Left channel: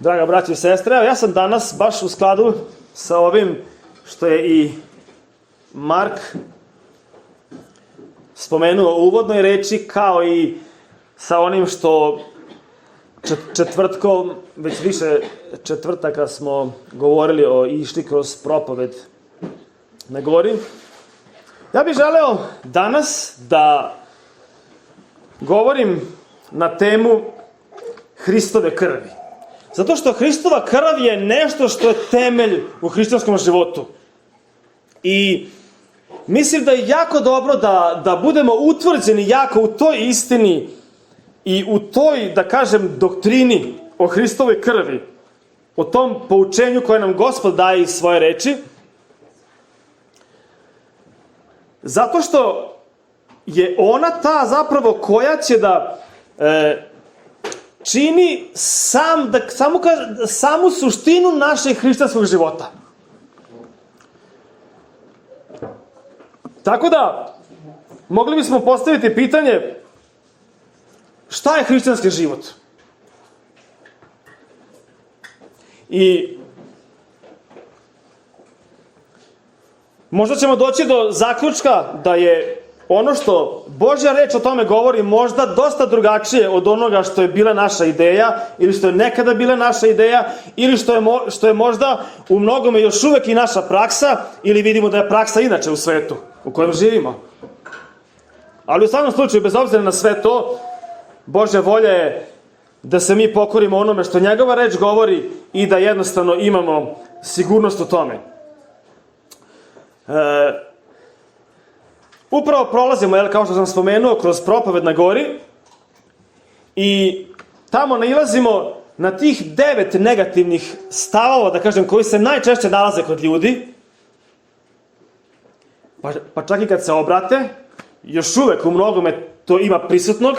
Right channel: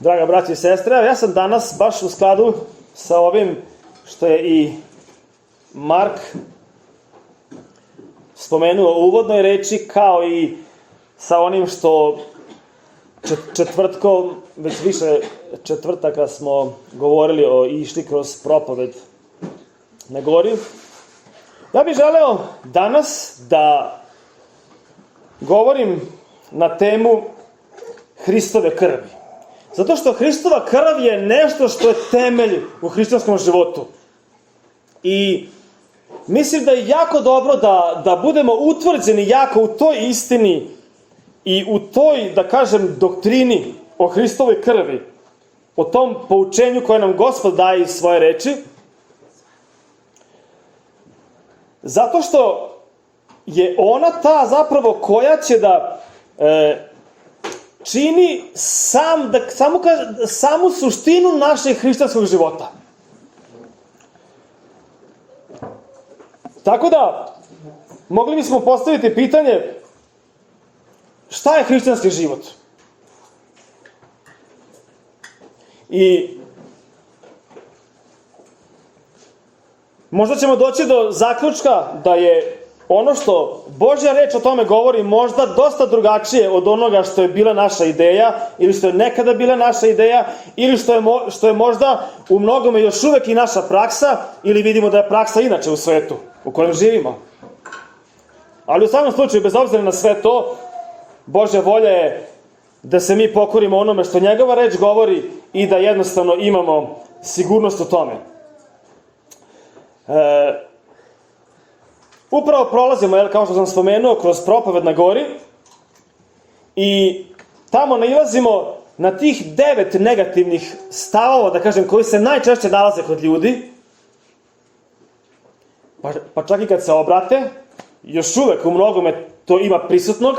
Draga braći i sestre, ja sam danas baš u skladu sa ovim što je i Mark spomenuo u uvodnoj reči, kao i sa onim što četvrtkom, već više četvrtaka smo govorili i išli kroz propoved na gori. Ja bih želeo danas da govorim na temu Hristove krvi. Zato što Hristova krv je nešto što je temelj u hrišćanskom životu. I mislim da je jako dobro da budemo utvrđeni jako u toj istini i u toj, da kažem, doktrini o Hristovoj krvi, o tom poučenju koje nam Gospod daje iz svoje reči. Zato što je ona ta zapravo koja će da čini samu suštinu našeg hrišćanskog života. Tako da, mogli bismo postaviti pitanje, šta je hrišćanski život? I možda ćemo doći do zaključka da je ono što Božja reč o tome govori možda dosta drugačije od onoga što je bila naša ideja, ili što je nekada bila naša ideja, ili što je možda u mnogome još uvek i naša praksa, ili vidimo da je praksa inače u svetu u kojem živimo. Ali u samom slučaju, bez obzira na sve to, Božja volja je da se mi pokorimo onome što njegova reč govori i da jednostavno imamo sigurnost u tome. Upravo prolazimo, kao što sam spomenuo, kroz propoved na gori i tamo nailazimo na tih 9 negativnih stavova, da kažem, koji se najčešće nalaze kod ljudi, pa čak i kad se obrate, još uvek u mnogome to ima prisutnog,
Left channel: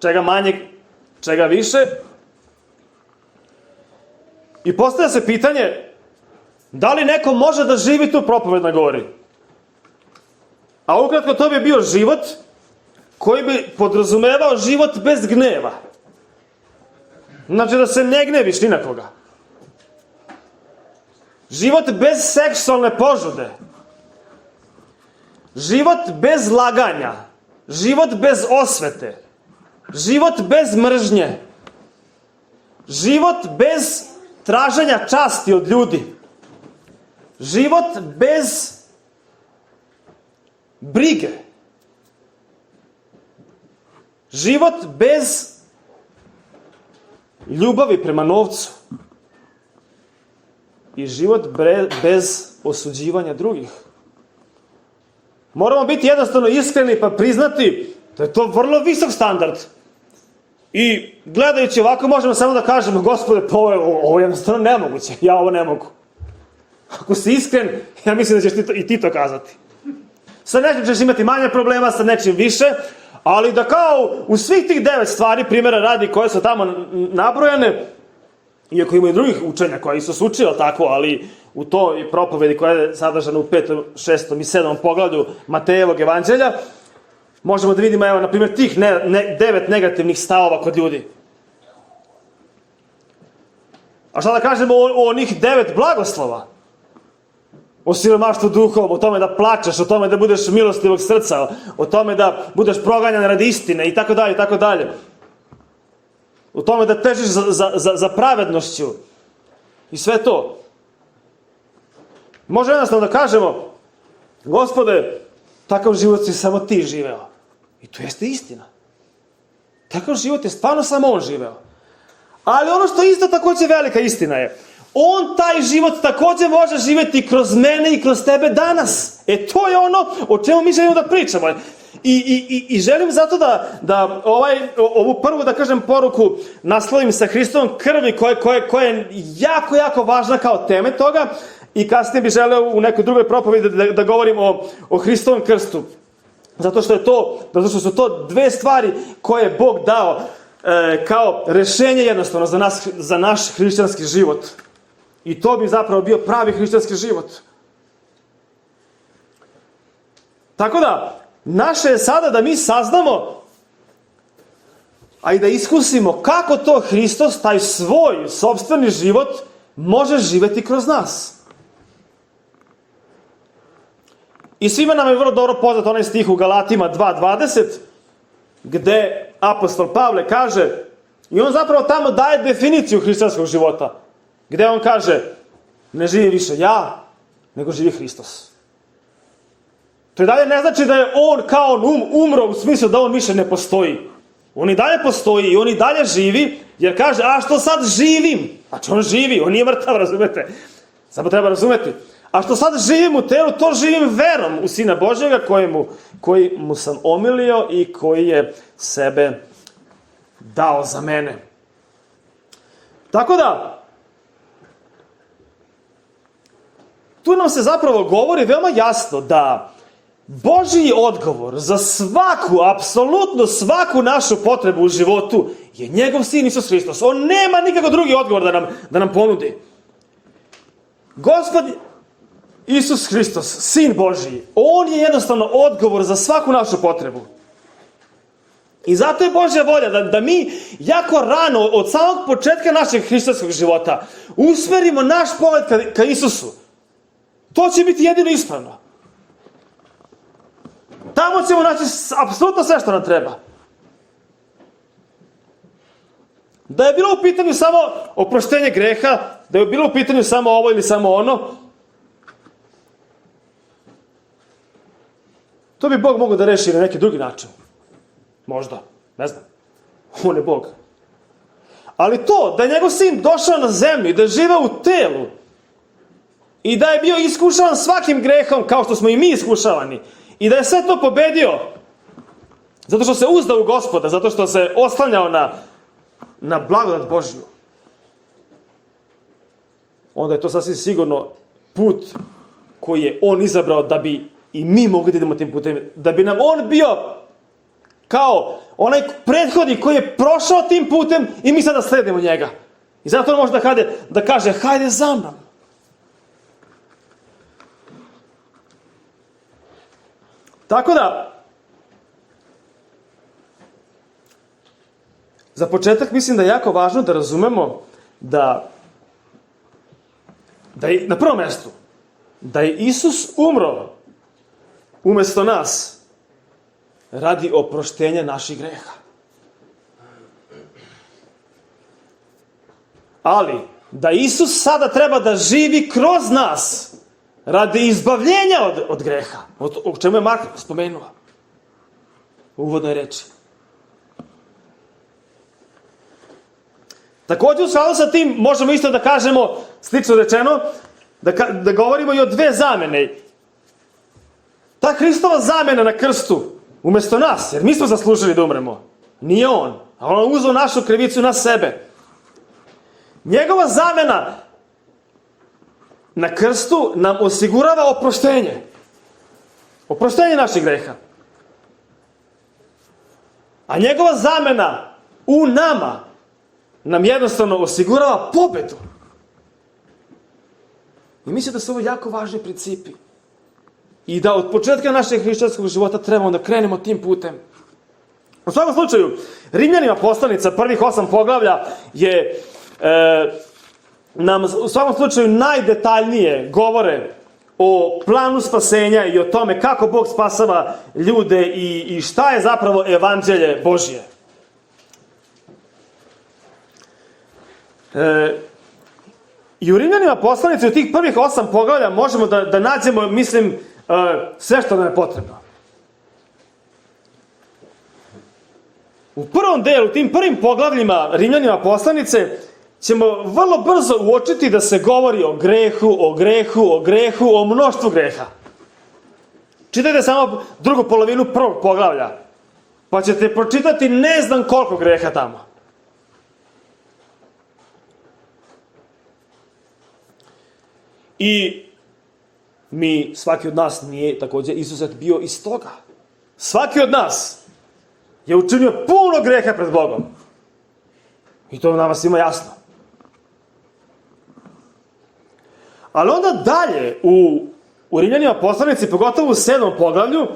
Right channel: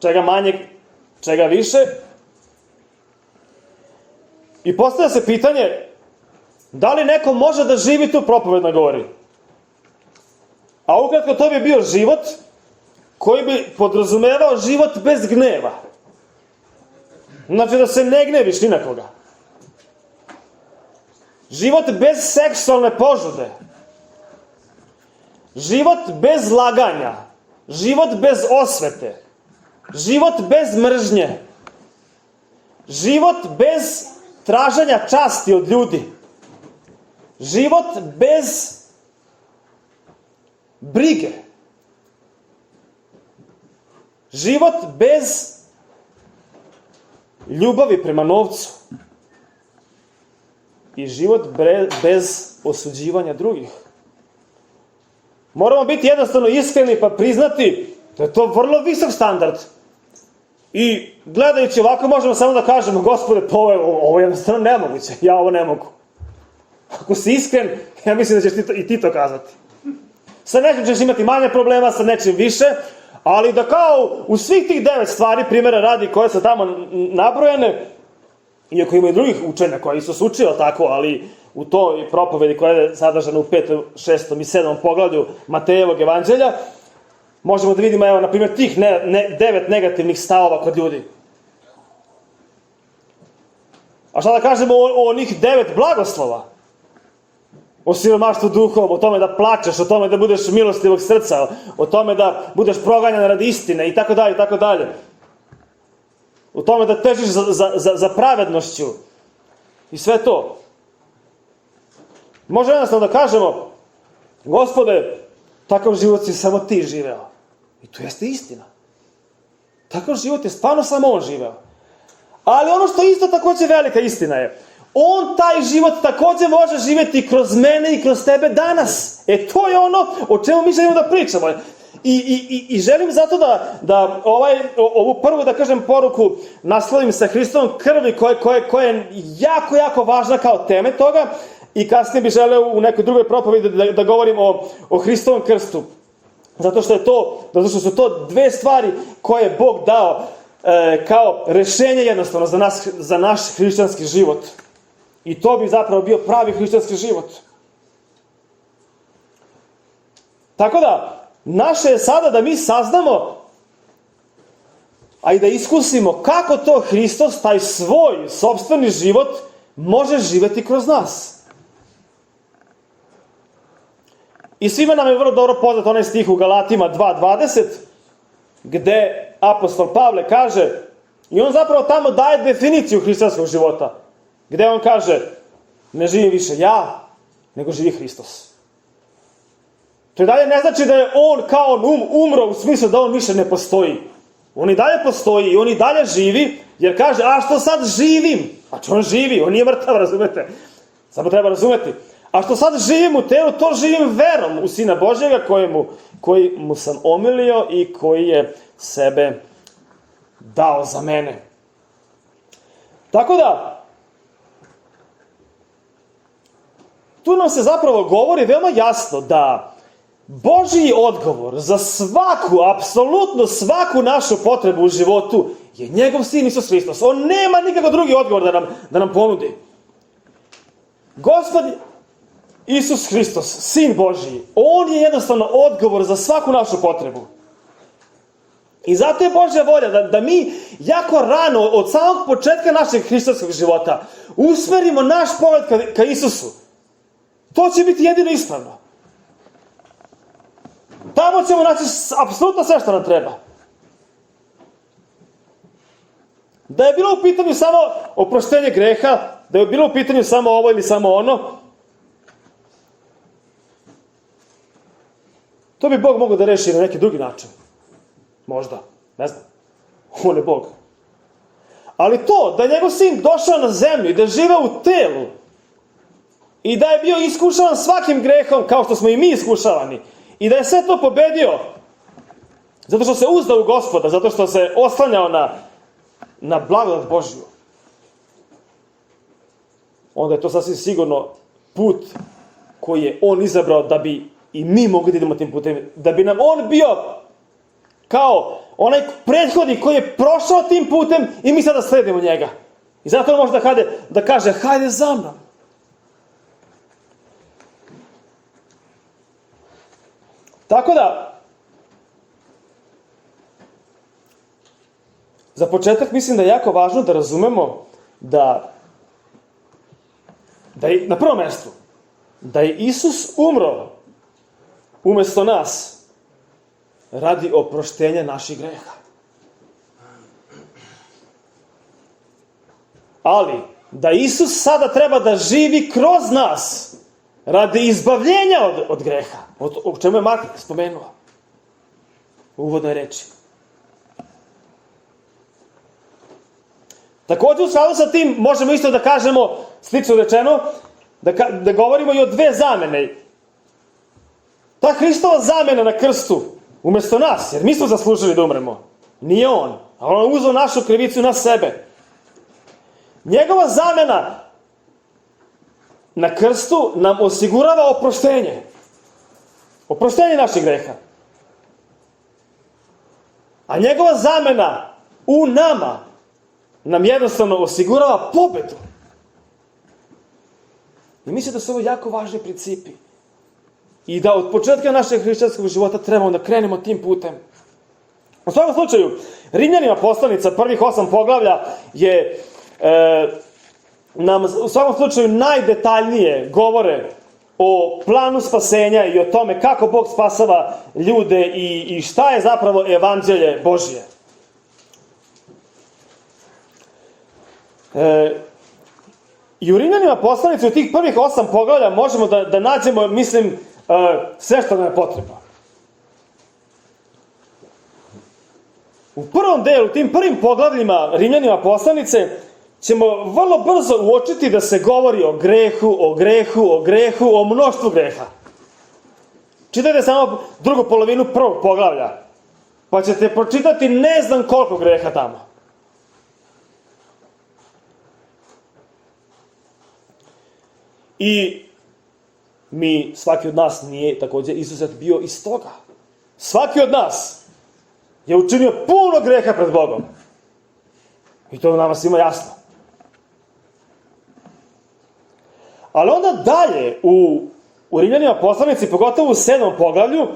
čega manje, čega više. I postavlja se pitanje, da li neko može da živi tu propoved na gori? A ukratko, to bi bio život koji bi podrazumevao život bez gneva. Znači da se ne gneviš ni na koga. Život bez seksualne požude. Život bez laganja. Život bez osvete. Život bez mržnje. Život bez traženja časti od ljudi. Život bez brige. Život bez ljubavi prema novcu. I život bez osuđivanja drugih. Moramo biti jednostavno iskreni pa priznati da je to vrlo visok standard. I gledajući ovako možemo samo da kažemo, Gospode, pa ovo je jednostavno nemoguće. Ja ovo ne mogu. Ako si iskren, ja mislim da ćeš i ti to kazati. Sa nečim ćeš imati manje problema, sa nečim više, ali da kao u svih tih 9 stvari, primjera radi, koje su tamo nabrojane, iako ima i drugih učenja koja Isus učio tako, ali u toj propovedi koja je sadržana u 5., 6. i 7. poglavlju Matejevog evanđelja, možemo da vidimo, evo, na primjer, tih 9 negativnih stavova kod ljudi. A šta da kažemo o onih 9 blagoslova? O siromaštvu duhom, o tome da plačeš, o tome da budeš milostivog srca, o tome da budeš proganjan radi istine i tako dalje, i tako dalje. O tome da težiš za pravednošću i sve to. Može jednostavno da kažemo, Gospode, takav život si samo ti živeo. I to jeste istina. Takav život je stvarno samo on živeo. Ali ono što isto također velika istina je, on taj život također može živjeti kroz mene i kroz tebe danas. To je ono o čemu mi želimo da pričamo. I želim zato da ovu prvu, da kažem, poruku naslovim sa Hristovom krvi koja je jako, jako važna kao teme toga. I kasnije bih želeo u nekoj drugoj propovedi da govorim o Hristovom krstu. Zato što su to 2 stvari koje je Bog dao kao rešenje jednostavno za naš hrišćanski život. I to bi zapravo bio pravi hrišćanski život. Tako da, naše je sada da mi saznamo a i da iskusimo kako to Hristos, taj svoj sopstveni život, može živjeti kroz nas. I svima nam je vrlo dobro poznat onaj stih u Galatima 2.20, gde apostol Pavle kaže, i on zapravo tamo daje definiciju hrišćanskog života, gde on kaže, ne živi više ja, nego živi Hristos. To i dalje ne znači da je on kao umro u smislu da on više ne postoji. On i dalje postoji i on i dalje živi, jer kaže, a što sad živim? Znači on živi, on nije mrtav, razumete? Samo treba razumeti. A što sad živim u telu, to živim verom u Sina Božjega koji mu sam omilio i koji je sebe dao za mene. Tako da, tu nam se zapravo govori veoma jasno da Božji odgovor za svaku, apsolutno svaku našu potrebu u životu je njegov Sin Isus Hristos. On nema nikakav drugi odgovor da nam ponudi. Gospod Isus Hristos, Sin Božji, on je jednostavno odgovor za svaku našu potrebu. I zato je Božja volja da mi jako rano, od samog početka našeg hrišćanskog života, usmerimo naš pogled ka Isusu. To će biti jedino ispravno. Tamo ćemo naći apsolutno sve što nam treba. Da je bilo u pitanju samo oproštenje greha, da je bilo u pitanju samo ovo ili samo ono, to bi Bog mogao da reši na neki drugi način. Možda, ne znam. On je Bog. Ali to, da je njegov Sin došao na zemlju i da je živao u telu i da je bio iskušavan svakim grehom kao što smo i mi iskušavani i da je sve to pobedio zato što se uzdao u Gospoda, zato što se oslanjao na blagodat Božju, onda je to sasvim sigurno put koji je on izabrao da bi i mi mogli da idemo tim putem, da bi nam on bio kao onaj prethodnik koji je prošao tim putem i mi sada sledimo njega. I zato on može da kaže, hajde za mnom. Tako da, za početak mislim da je jako važno da razumemo da je na prvom mjestu da je Isus umro umjesto nas radi oproštenja naših greha. Ali da Isus sada treba da živi kroz nas radi izbavljenja od greha, o čemu je Mark spomenuo u uvodnoj reči. Također u skladu sa tim možemo isto da kažemo, slično rečeno, da govorimo i o dve zamene. Ta Hristova zamena na krstu, umjesto nas, jer mi smo zaslužili da umremo, nije on, a on uzeo našu krivicu na sebe. Njegova zamena na krstu nam osigurava oproštenje. Oproštenje naših greha. A njegova zamena u nama nam jednostavno osigurava pobedu. I mislim da su ovo jako važni principi. I da od početka našeg hrišćanskog života trebamo da krenemo tim putem. U svakom slučaju, Rimljanima poslanica prvih 8 poglavlja je nam u svakom slučaju najdetaljnije govore o planu spasenja i o tome kako Bog spasava ljude i šta je zapravo evanđelje Božje. I u Rimljanima poslanici u tih prvih 8 poglavlja možemo da nađemo, mislim, sve što nam je potrebno. U prvom delu, tim prvim poglavljima Rimljanima poslanice, ćemo vrlo brzo uočiti da se govori o grehu, o mnoštvu greha. Čitajte samo drugu polovinu prvog poglavlja, pa ćete pročitati ne znam koliko greha tamo. I mi, svaki od nas nije također izuzet bio iz toga. Svaki od nas je učinio puno greha pred Bogom. I to nama svima jasno. Ali onda dalje u Rimljanima poslanici, pogotovo u 7. poglavlju,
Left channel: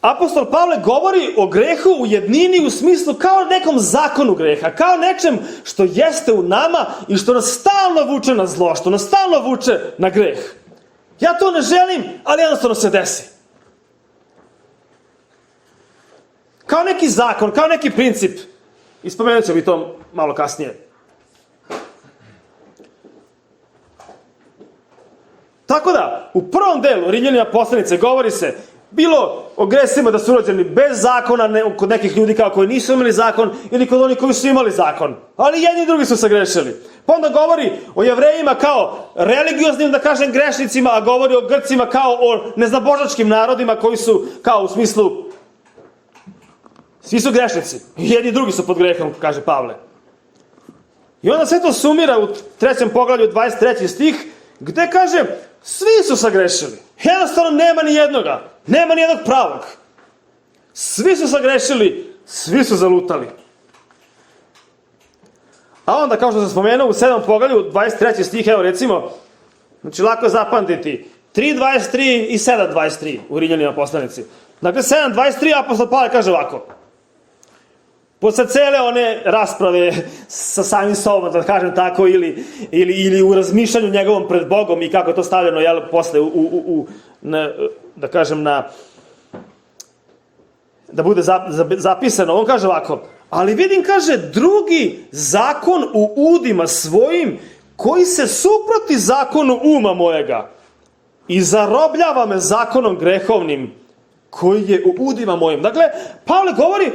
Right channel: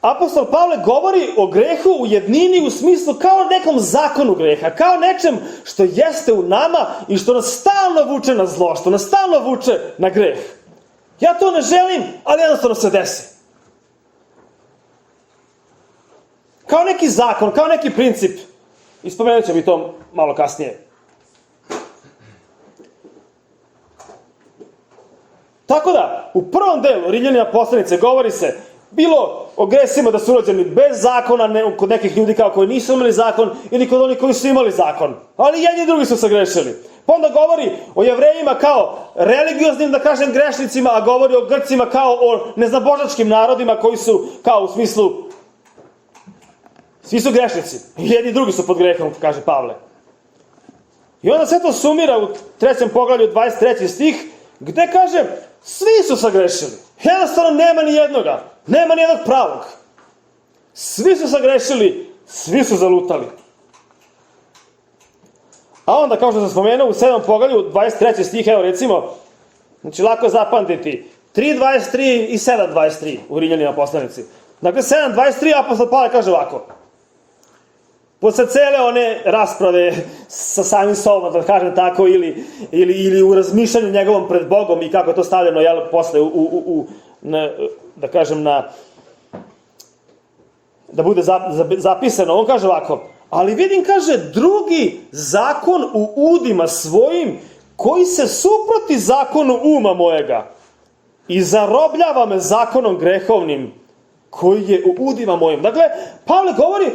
apostol Pavle govori o grehu u jednini u smislu kao nekom zakonu greha, kao nečem što jeste u nama i što nas stalno vuče na zlo, što nas stalno vuče na greh. Ja to ne želim, ali jednostavno se desi. Kao neki zakon, kao neki princip. I spomenut ću mi to malo kasnije. Tako da, u prvom delu Rimljanima poslanice govori se bilo o gresima da su rođeni bez zakona, kod nekih ljudi kao koji nisu imali zakon, ili kod onih koji su imali zakon. Ali jedni i drugi su se grešili. Pa onda govori o Jevrejima kao religioznim, da kažem, grešnicima, a govori o Grcima kao o neznabožačkim narodima koji su, kao u smislu, svi su grešnici. Jedni i drugi su pod grehom, kaže Pavle. I onda sve to sumira u 3. poglavlju 23. stih, gde kaže, svi su sagrešili. Jednostavno nema ni jednoga. Nema ni jednog pravog. Svi su sagrešili, svi su zalutali. A onda, kao što sam spomenuo, u 7. poglavlju 23. stih, evo recimo, znači lako je zapamtiti, 3.23 i 7.23 u Rimljanima poslanici. Dakle, 7.23 apostol Pavle kaže ovako. Posle cele one rasprave sa samim sobom, da kažem tako, ili u razmišljanju njegovom pred Bogom i kako je to stavljeno, jel, posle da kažem, da bude zapisano, on kaže ovako, ali vidim, kaže, drugi zakon u udima svojim, koji se suproti zakonu uma mojega i zarobljava me zakonom grehovnim, koji je u udima mojim. Dakle, Pavle govori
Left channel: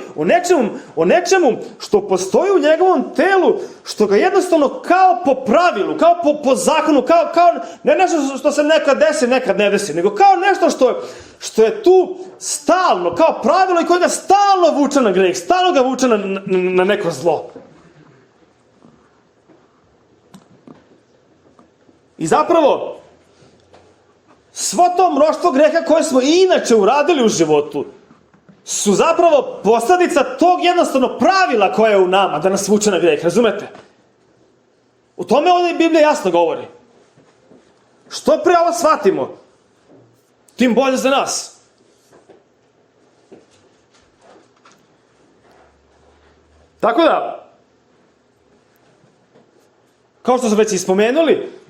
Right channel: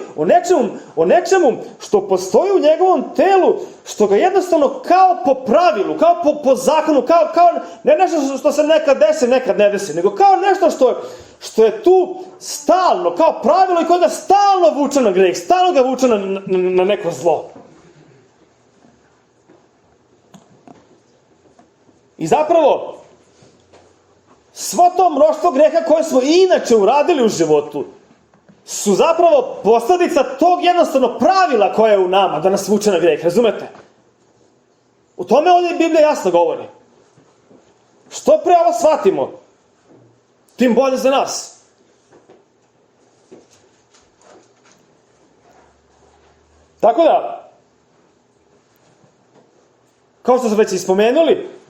o nečemu što postoji u njegovom telu, što ga jednostavno kao po pravilu, kao po zakonu, kao ne nešto što se nekad desi, nekad ne desi, nego kao nešto što je tu stalno, kao pravilo i koje ga stalno vuče na greh, stalno ga vuče na neko zlo. I zapravo, svo to mnoštvo greha koje smo inače uradili u životu su zapravo posledica tog jednostavno pravila koje je u nama da nas vuče na greh, razumete? U tome ovdje Biblija jasno govori. Što pre ovo shvatimo, tim bolje za nas. Tako da, kao što smo već ispomenuli,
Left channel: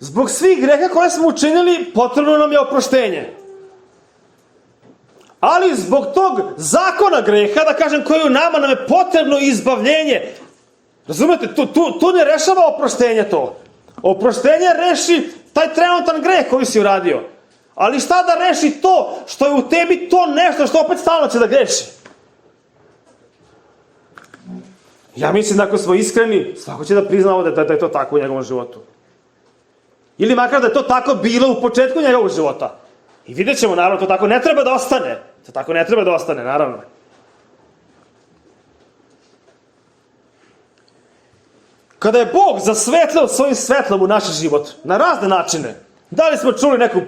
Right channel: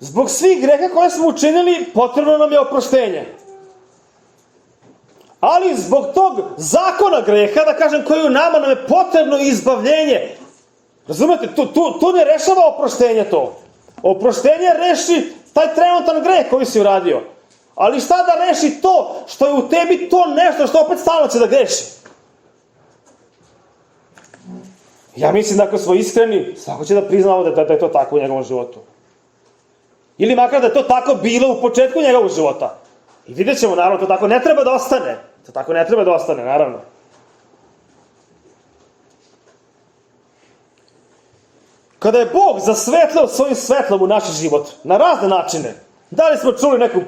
zbog svih greha koje smo učinili, potrebno nam je oproštenje. Ali zbog tog zakona greha, da kažem, koji u nama, nam je potrebno izbavljenje. Razumete, tu ne rešava oproštenje to. Oproštenje reši taj trenutan greh koji si uradio. Ali šta da reši to što je u tebi to nešto što opet stalno će da greši? Ja mislim da ako smo iskreni, svako će da prizna ovde da je to tako u njegovom životu. Ili makar da je to tako bilo u početku njegovog života. I vidjet ćemo, naravno, to tako ne treba da ostane. To tako ne treba da ostane, naravno. Kada je Bog zasvetlio svojim svetlom u naš život, na razne načine, da li smo čuli neku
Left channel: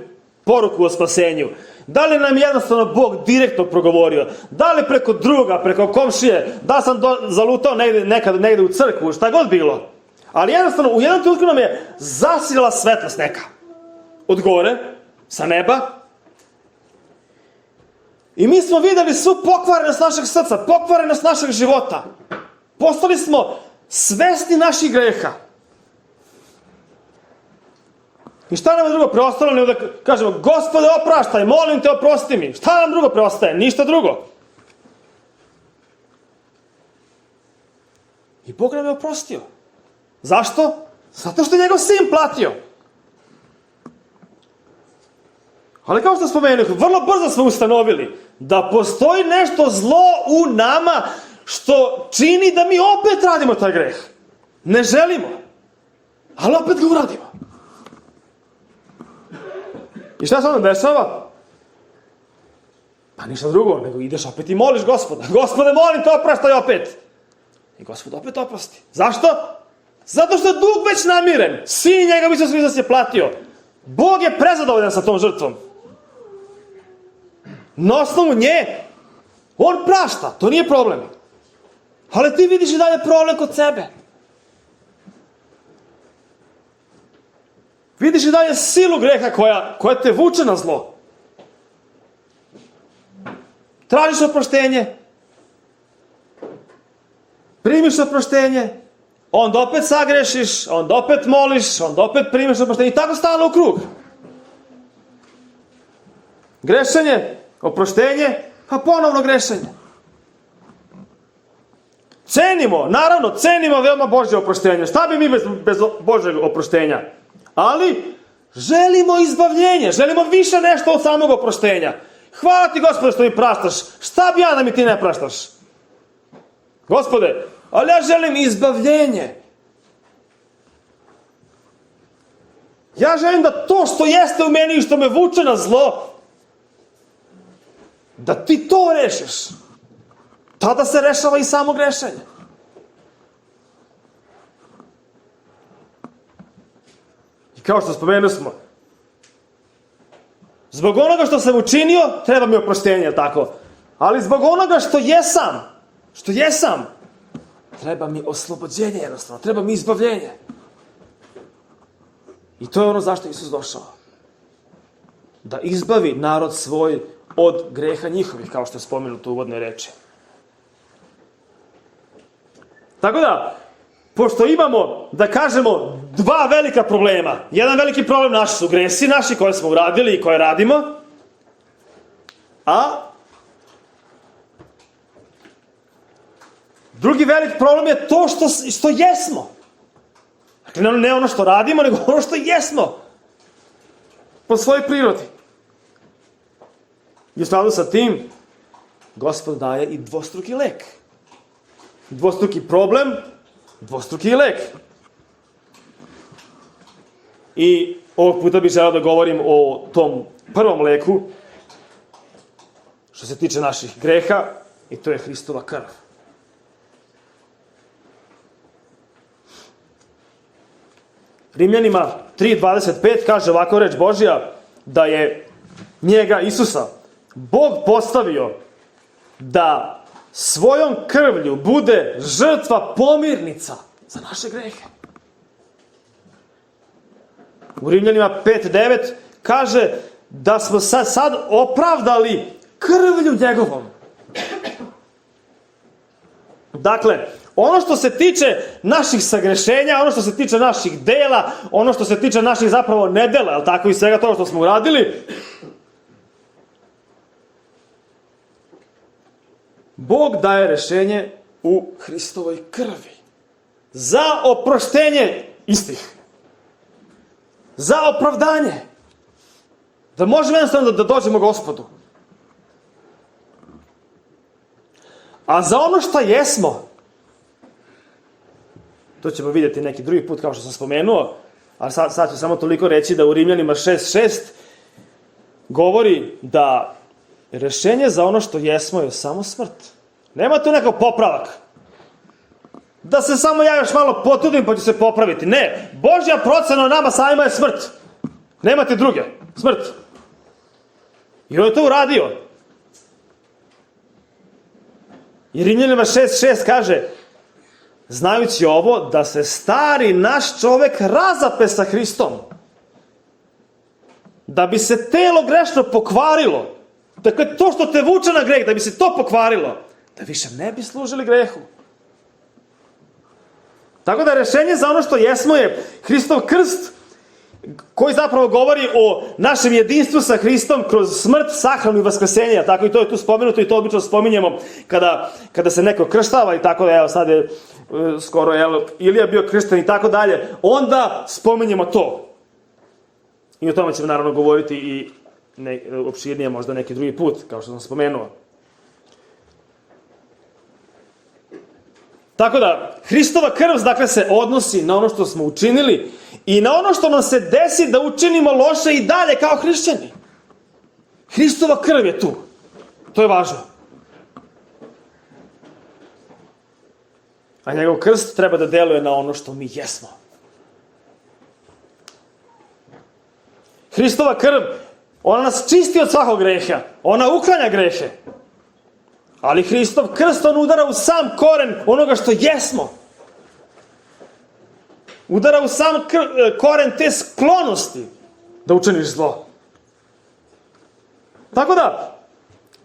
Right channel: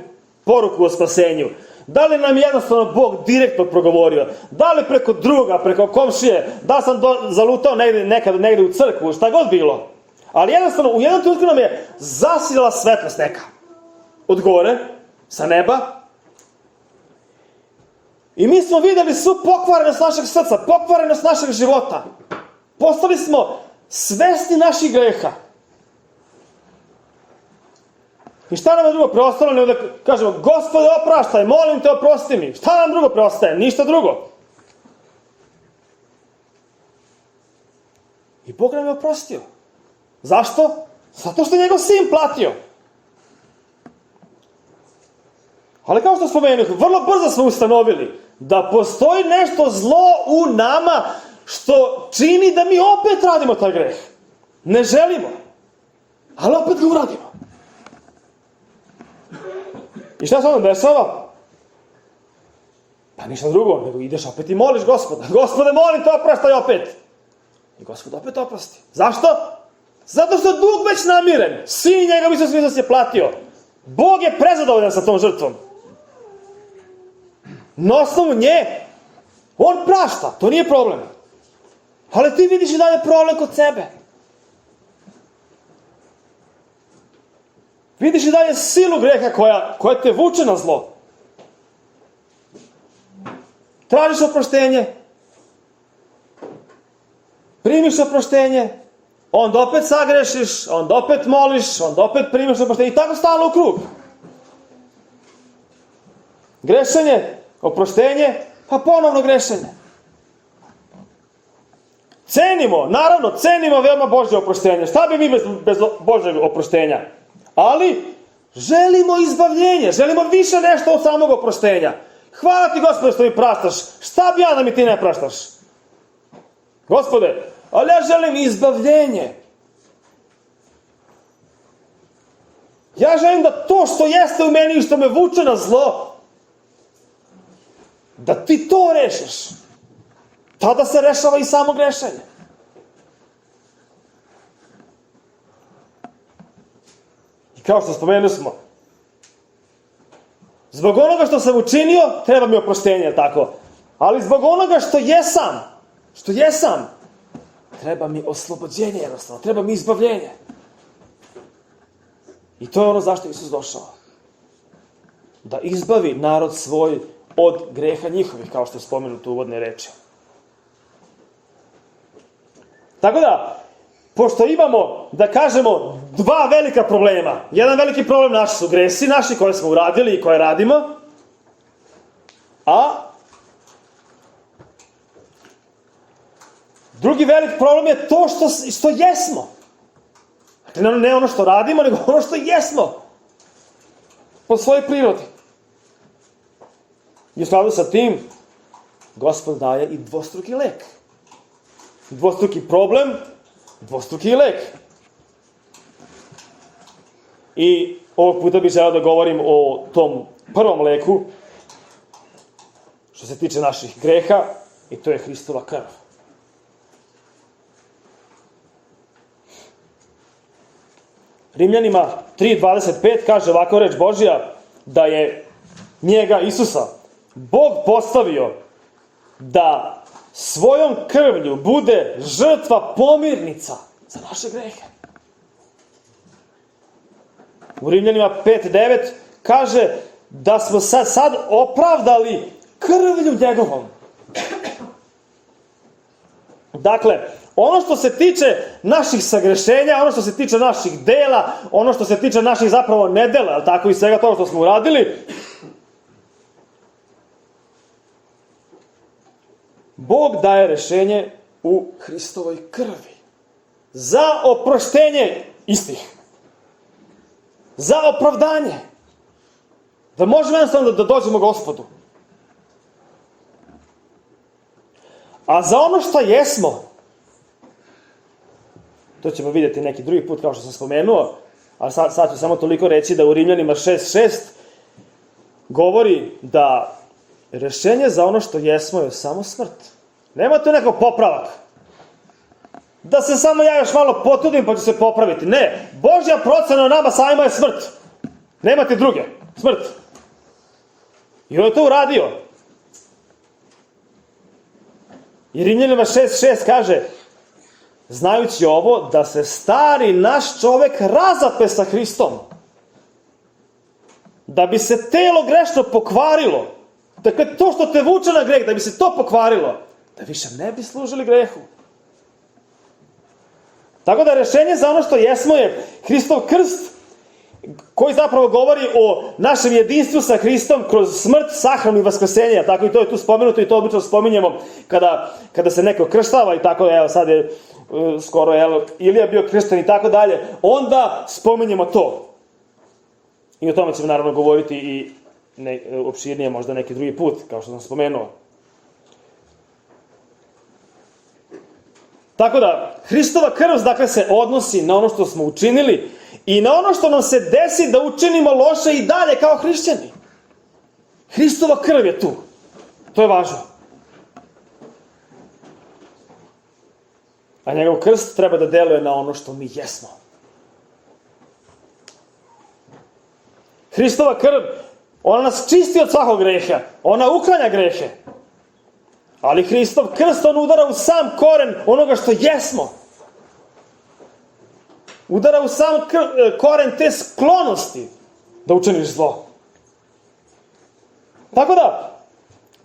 poruku o spasenju, da li nam jednostavno Bog direktno progovorio, da li preko druga, preko komšije, da sam zalutao negde u crkvu, šta god bilo. Ali jednostavno, u jednom trenutku nam je zasijala svetlost neka. Od gore, sa neba. I mi smo videli svu pokvarenost našeg srca, pokvarenost našeg života. Postali smo svesni naših greha. I šta nam je drugo preostalo nego da kažemo, Gospode, opraštaj, molim te, oprosti mi. Šta nam drugo preostaje? Ništa drugo. I Bog nam je oprostio. Zašto? Zato što je njegov sin platio. Ali kao što spomenuh, vrlo brzo smo ustanovili da postoji nešto zlo u nama što čini da mi opet radimo taj greh. Ne želimo, ali opet ga uradimo. I šta se onda dešava? Pa ništa drugo, nego ideš opet i moliš Gospoda. Gospode, molim te, opraštaj opet. I Gospod opet oprosti. Zašto? Zato što je dug već namiren. Sin njega Isus Hristos je platio. Bog je prezadovoljan sa tom žrtvom. Na osnovu nje, on prašta, to nije problem. Ali ti vidiš i dalje problem kod sebe. Vidiš i dalje silu greha koja te vuče na zlo. tražiš oproštenje, primiš oproštenje, onda opet sagrešiš, onda opet moliš, onda opet primiš oproštenje i tako stalno u krug. Grešenje, oproštenje, pa ponovno grešenje. Cenimo veoma Božje oproštenje. Šta bi mi bez Božjeg oproštenja? Ali želimo izbavljenje, želimo više nešto od samog oproštenja. Hvala ti, Gospode, što mi praštaš. Šta bi ja da mi ti ne praštaš? Gospode, ali ja želim izbavljenje. Ja želim da to što jeste u meni i što me vuče na zlo, da ti to rešiš. Tada se rešava i samo grešenje. I kao što spomenuli smo, zbog onoga što sam učinio, treba mi oproštenje, tako? Ali zbog onoga što jesam, treba mi oslobođenje jednostavno, treba mi izbavljenje. I to je ono zašto Isus došao. Da izbavi narod svoj od greha njihovih, kao što je spomenuto u uvodnoj reči. Tako da, pošto imamo, da kažemo, dva velika problema. Jedan veliki problem naši su gresi, naši koje smo uradili i koje radimo. A drugi veliki problem je to što jesmo. Dakle, ne ono što radimo, nego ono što jesmo. Po svojoj prirodi. I u skladu sa tim, Gospod daje i dvostruki lek. Dvostruki problem, dvostruki lek. I ovog puta bih želeo da govorim o tom prvom leku, što se tiče naših greha, i to je Hristova krv. Rimljanima 3.25 kaže ovako reč Božja, da je njega, Isusa, Bog postavio da svojom krvlju bude žrtva pomirnica za naše grehe. U Rimljanima 5.9 kaže da smo sad opravdali krvlju njegovom. Dakle, ono što se tiče naših sagrešenja, ono što se tiče naših dela, ono što se tiče naših zapravo nedela, ali tako i svega toga što smo uradili, Bog daje rešenje u Hristovoj krvi. Za oproštenje istih. Za opravdanje. Da možemo jednostavno da dođemo Gospodu. A za ono što jesmo, to ćemo vidjeti neki drugi put kao što sam spomenuo, a sad ću samo toliko reći da u Rimljanima 6.6 govori da rešenje za ono što jesmo je samo smrt. Nema tu neko popravak. Da se samo ja još malo potrudim pa ću se popraviti. Ne, Božja procena o nama samima je smrt. Nemate druge. Smrt. I on je to uradio. I Rimljanima 6.6 kaže, znajući ovo, da se stari naš čovek razape sa Hristom. Da bi se telo grešno pokvarilo. Dakle, to što te vuče na greh, da bi se to pokvarilo, da više ne bi služili grehu. Tako da rešenje za ono što jesmo je Hristov krst, koji zapravo govori o našem jedinstvu sa Hristom kroz smrt, sahranu i vaskrsenje. Tako i to je tu spomenuto i to obično spominjemo kada se neko krštava i tako, evo sad je skoro Ilija bio kršten i tako dalje. Onda spominjemo to. I o tome ćemo naravno govoriti i opširnije možda neki drugi put, kao što sam spomenuo. Tako da, Hristova krv, dakle, se odnosi na ono što smo učinili i na ono što nam se desi da učinimo loše i dalje kao hrišćani. Hristova krv je tu. To je važno. A njegov krst treba da deluje na ono što mi jesmo. Hristova krv, ona nas čisti od svakog greha. Ona uklanja grehe. Ali Hristov krst, on udara u sam koren onoga što jesmo. Udara u sam koren te sklonosti da učiniš zlo. Tako da,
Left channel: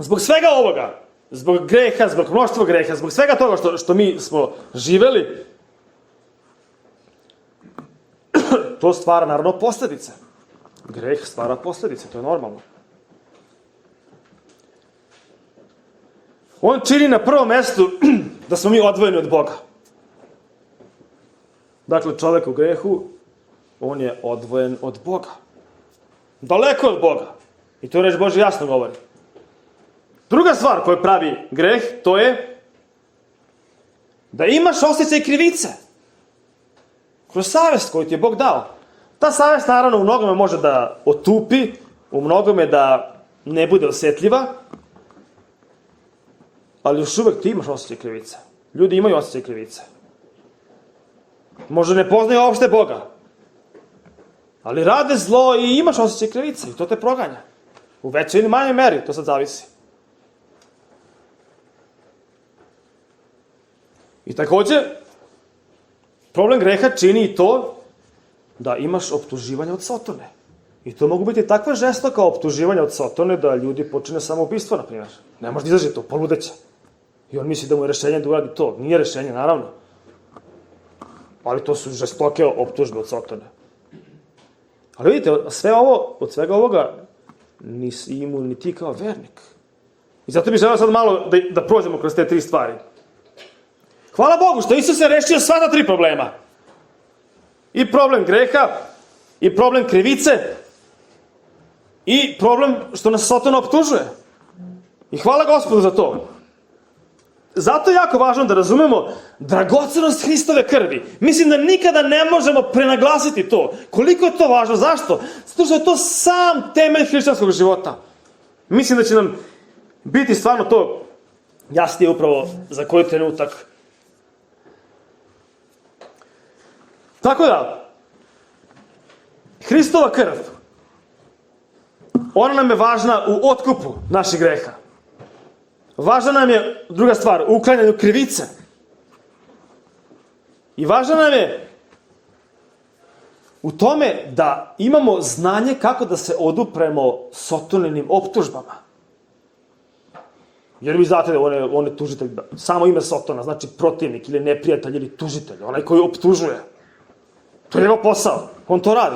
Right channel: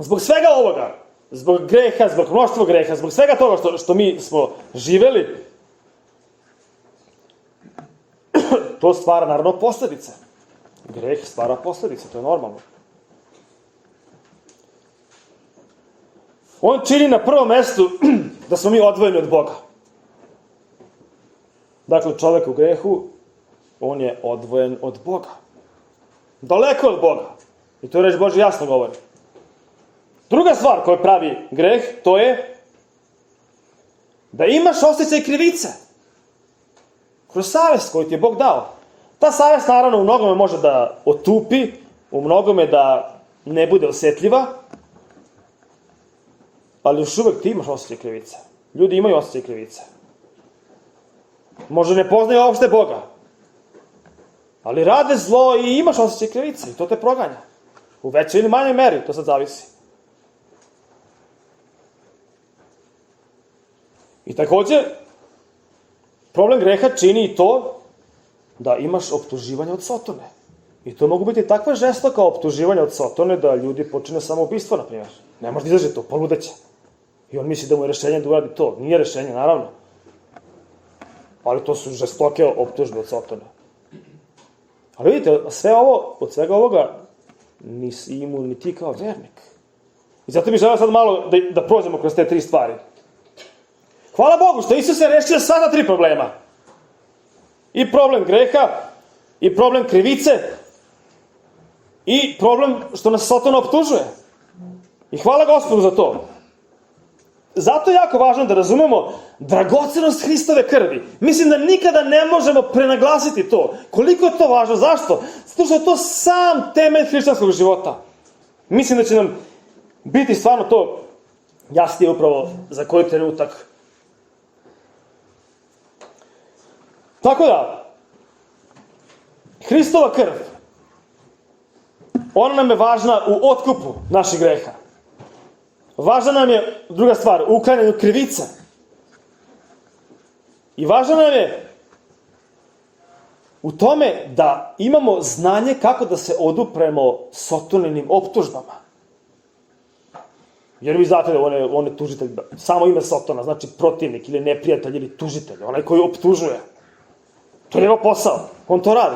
Zbog svega ovoga, zbog greha, zbog mnoštva greha, zbog svega toga što mi smo živeli, to stvara naravno posledice. Greh stvara posledice, to je normalno. On čini na prvom mestu da smo mi odvojeni od Boga. Dakle, čovjek u grehu, on je odvojen od Boga. Daleko od Boga. I to reč Božja jasno govori. Druga stvar koju pravi greh, to je da imaš osjećaj krivice. Kroz savest koju ti je Bog dao. Ta savest naravno u mnogome može da otupi, u mnogome da ne bude osjetljiva, ali još uvek ti imaš osjećaj krivice. Ljudi imaju osjećaj krivice. Možda ne poznaju uopšte Boga, ali rade zlo i imaš osjećaj krivice i to te proganja. U većoj ili manjoj meri, to sad zavisi. I takođe, problem greha čini i to da imaš optuživanje od Sotone. I to mogu biti takva žestoka optuživanja od Sotone da ljudi počine samoubistvo, na primjer. Ne može da izađe to, poludeće. I on misli da mu je rešenje da uradi to. Nije rešenje, naravno. Ali to su žestoke optužbe od Sotone. Ali vidite, od svega ovoga nisi imao ni ti kao vernik. I zato bih želeo sad malo da prođemo kroz te 3 stvari. Hvala Bogu što Isus je rešio sva ta 3 problema. I problem greha, i problem krivice, i problem što nas Sotona optužuje. I hvala Gospodu za to. Zato je jako važno da razumemo dragocenost Hristove krvi. Mislim da nikada ne možemo prenaglasiti to. Koliko je to važno? Zašto? Zato što je to sam temelj hrišćanskog života. Mislim da će nam biti stvarno to jasnije upravo za koji trenutak. Tako da, Hristova krv, ona nam je važna u otkupu naših greha. Važna nam je, druga stvar, u uklanjanju krivice. I važna nam je u tome da imamo znanje kako da se odupremo Sotoninim optužbama. Jer vi znate da on je tužitelj, samo ime Sotona, znači protivnik ili neprijatelj ili tužitelj, onaj koji optužuje. To je njegov posao, on to radi.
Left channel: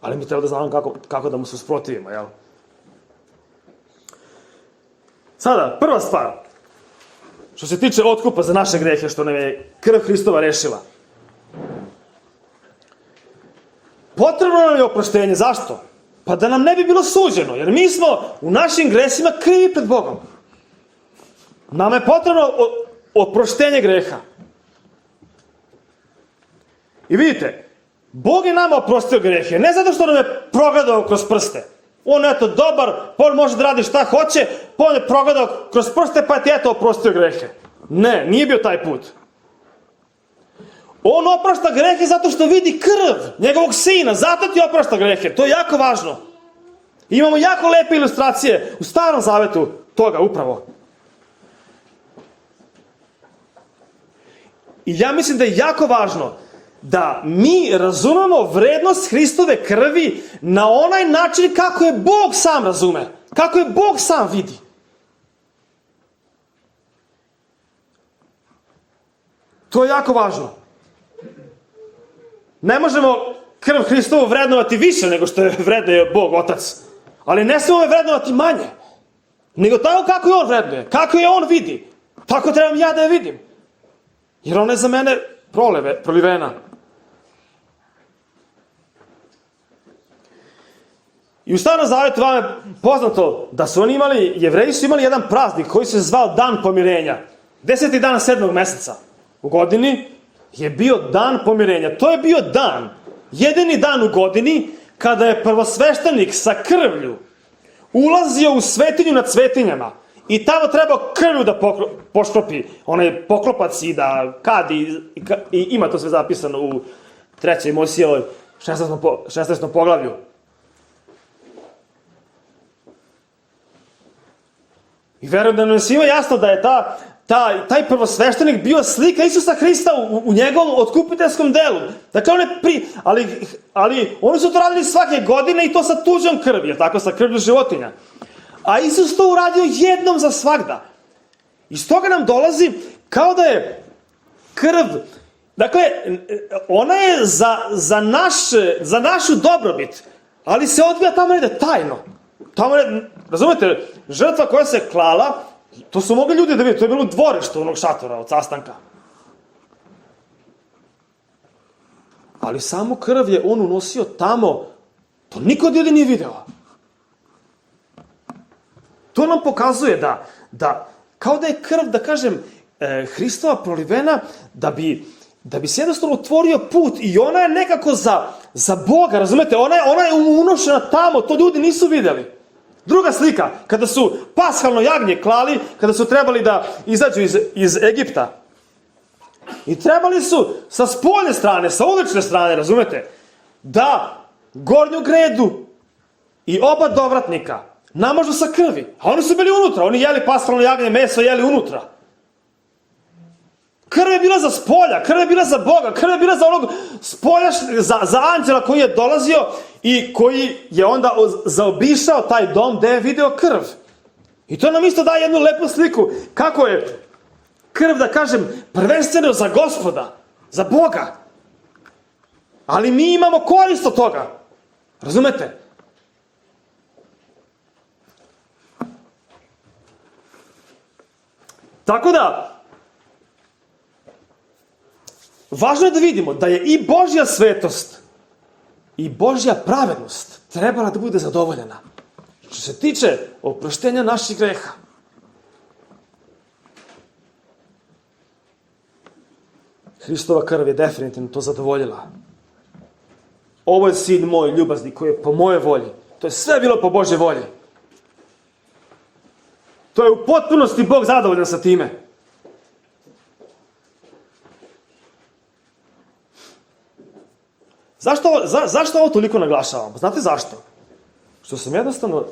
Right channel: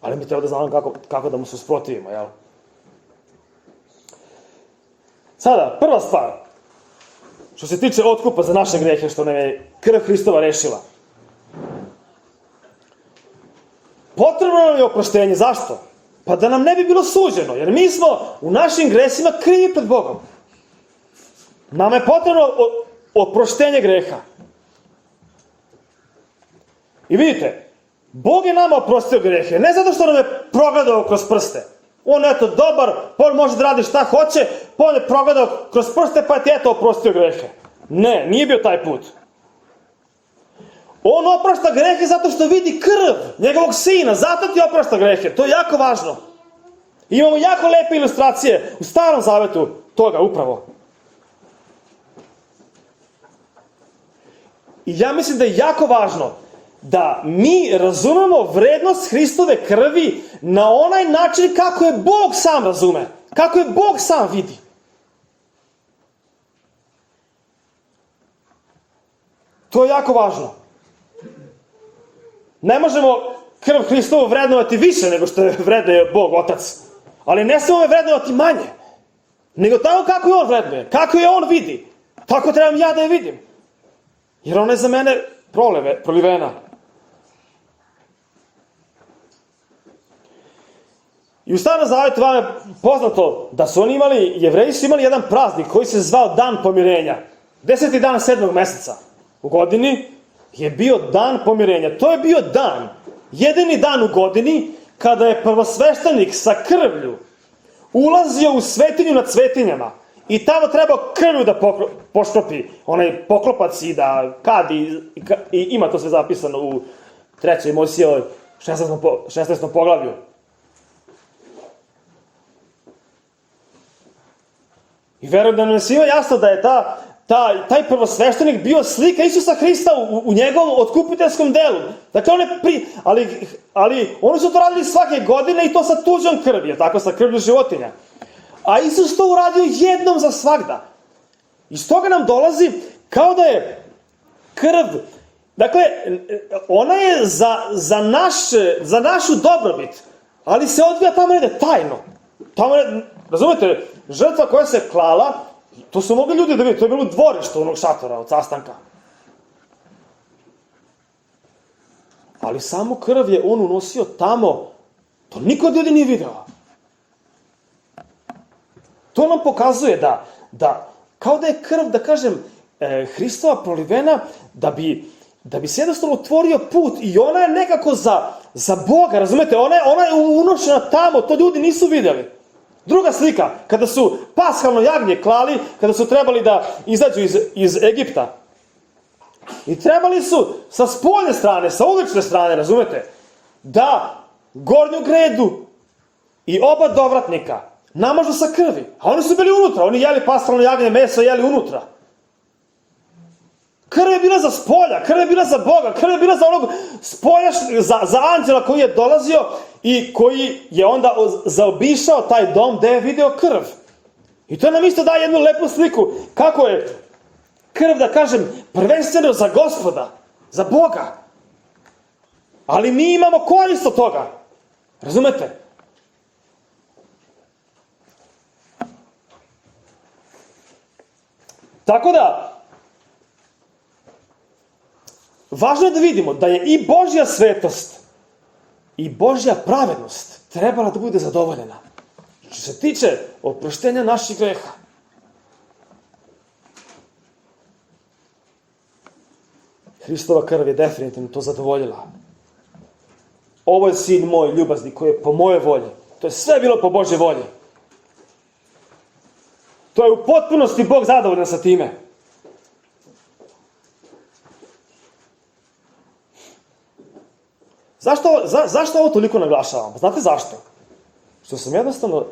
Ali mi treba da znamo kako da mu se usprotivimo, jel? Sada, prva stvar, što se tiče otkupa za naše grehe, što nam je krv Hristova rešila. Potrebno nam je oproštenje, zašto? Pa da nam ne bi bilo suđeno, jer mi smo u našim gresima krivi pred Bogom. Nama je potrebno oproštenje greha. I vidite, Bog je nama oprostio grehe, ne zato što nam je progledao kroz prste. On je eto dobar, on može da radi šta hoće, pa on je progledao kroz prste, pa ti eto oprostio grehe. Ne, nije bio taj put. On oprašta grehe zato što vidi krv njegovog sina, zato ti oprašta grehe. To je jako važno. Imamo jako lepe ilustracije u Starom Zavetu toga upravo. I ja mislim da je jako važno da mi razumemo vrednost Hristove krvi na onaj način kako je Bog sam razume, kako je Bog sam vidi. To je jako važno. Ne možemo krv Hristovu vrednovati više nego što je vrednuje Bog Otac, ali ne smemo je vrednovati manje, nego tako kako je On vrednuje, kako je On vidi, tako trebam ja da je vidim. Jer ona je za mene prolivena. I u Starom Zavetu vam je poznato da su oni imali, Jevreji su imali jedan praznik koji se zvao Dan pomirenja. 10. dan 7. meseca u godini je bio dan pomirenja. To je bio dan, jedini dan u godini kada je prvosveštenik sa krvlju ulazio u svetinju nad svetinjama i tamo trebao krvlju da poškropi onaj poklopac i da kadi i ima to sve zapisano u 3. Mojsijevoj 16. poglavlju. I verujem da nam je svima jasno da je taj prvosveštenik bio slika Isusa Hrista u njegovom otkupiteljskom delu. Dakle, ali oni su to radili svake godine i to sa tuđom krvi, tako, sa krvlju životinja. A Isus to uradio jednom za svagda. Iz toga nam dolazi kao da je krv, dakle, ona je za našu dobrobit, ali se odvija tamo negde tajno. Tamo, razumete, žrtva koja se klala, to su mogli ljudi da vidi, to je bilo dvorište onog šatora od sastanka. Ali samo krv je on unosio tamo, to niko od ljudi nije video. To nam pokazuje da kao da je krv, da kažem, Hristova prolivena, da bi se jednostavno otvorio put i ona je nekako za Boga, razumete, ona je unošena tamo, to ljudi nisu vidjeli. Druga slika, kada su pashalno jagnje klali, kada su trebali da izađu iz Egipta. I trebali su sa spoljne strane, sa ulične strane, razumete, da gornju gredu i oba dovratnika namažu sa krvi. A oni su bili unutra, oni jeli pashalno jagnje meso, jeli unutra. Krv je bila za spolja, krv je bila za Boga, krv je bila za onog spolja, za anđela koji je dolazio i koji je onda zaobišao taj dom gde je video krv. I to nam isto daje jednu lepu sliku kako je krv, da kažem, prvenstveno za Gospoda, za Boga. Ali mi imamo korist od toga. Razumete? Tako da, važno je da vidimo da je i Božja svetost i Božja pravednost trebala da bude zadovoljena. Što se tiče oproštenja naših greha. Hristova krv je definitivno to zadovoljila. Ovo je sin moj ljubazni koji je po moje volji. To je sve bilo po Božje volji. To je u potpunosti Bog zadovoljan sa time. Zašto ovo toliko naglašavam? Znate zašto? Što sam jednostavno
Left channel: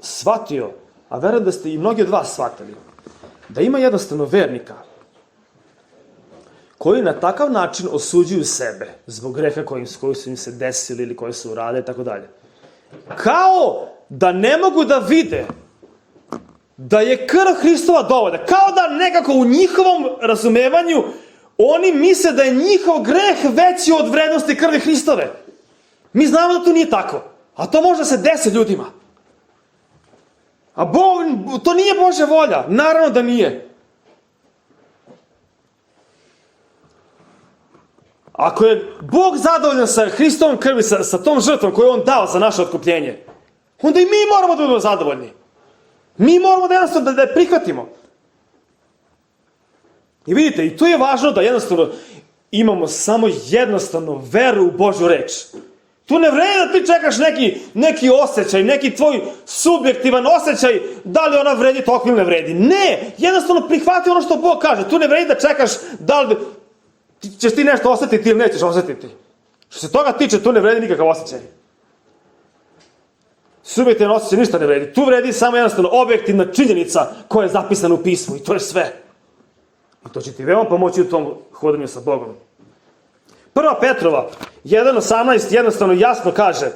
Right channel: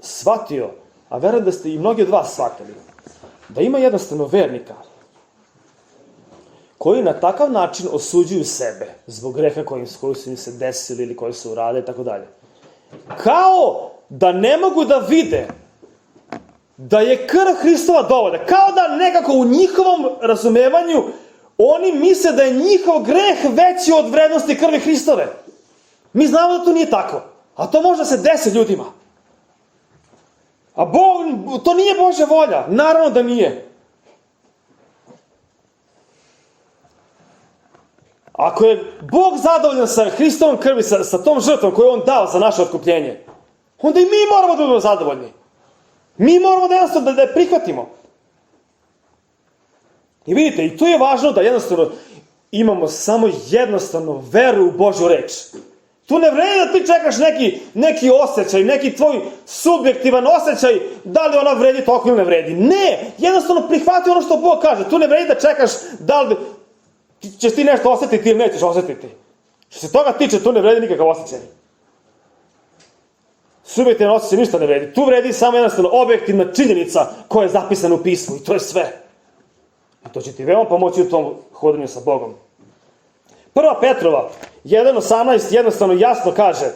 shvatio, a verujem da ste i mnogi od vas shvatili, da ima jednostavno vernika koji na takav način osuđuju sebe zbog greha koji su im se desili ili koji su uradili, tako dalje. Kao da ne mogu da vide da je krv Hristova dovoljna. Kao da nekako u njihovom razumevanju oni misle da je njihov greh veći od vrednosti krvi Hristove. Mi znamo da to nije tako. A to može da se desi ljudima. A to nije Božja volja. Naravno da nije. Ako je Bog zadovoljan sa Hristovom krvi, sa tom žrtvom koju je On dao za naše otkupljenje, onda i mi moramo da budemo zadovoljni. Mi moramo da jednostavno da je prihvatimo. I vidite, i to je važno da jednostavno imamo samo jednostavno veru u Božju reč. Tu ne vredi da ti čekaš neki osjećaj, neki tvoj subjektivan osjećaj, da li ona vredi toliko ili ne vredi. Ne, jednostavno prihvati ono što Bog kaže. Tu ne vredi da čekaš da li ćeš ti nešto osjetiti ili nećeš osjetiti. Što se toga tiče, tu ne vredi nikakav osjećaj. Subjektivan osjećaj ništa ne vredi. Tu vredi samo jednostavno objektivna činjenica koja je zapisana u pismu i to je sve. I to će ti veoma pomoći u tom hodanju sa Bogom. 1. Petrova 1.18 jednostavno jasno kaže:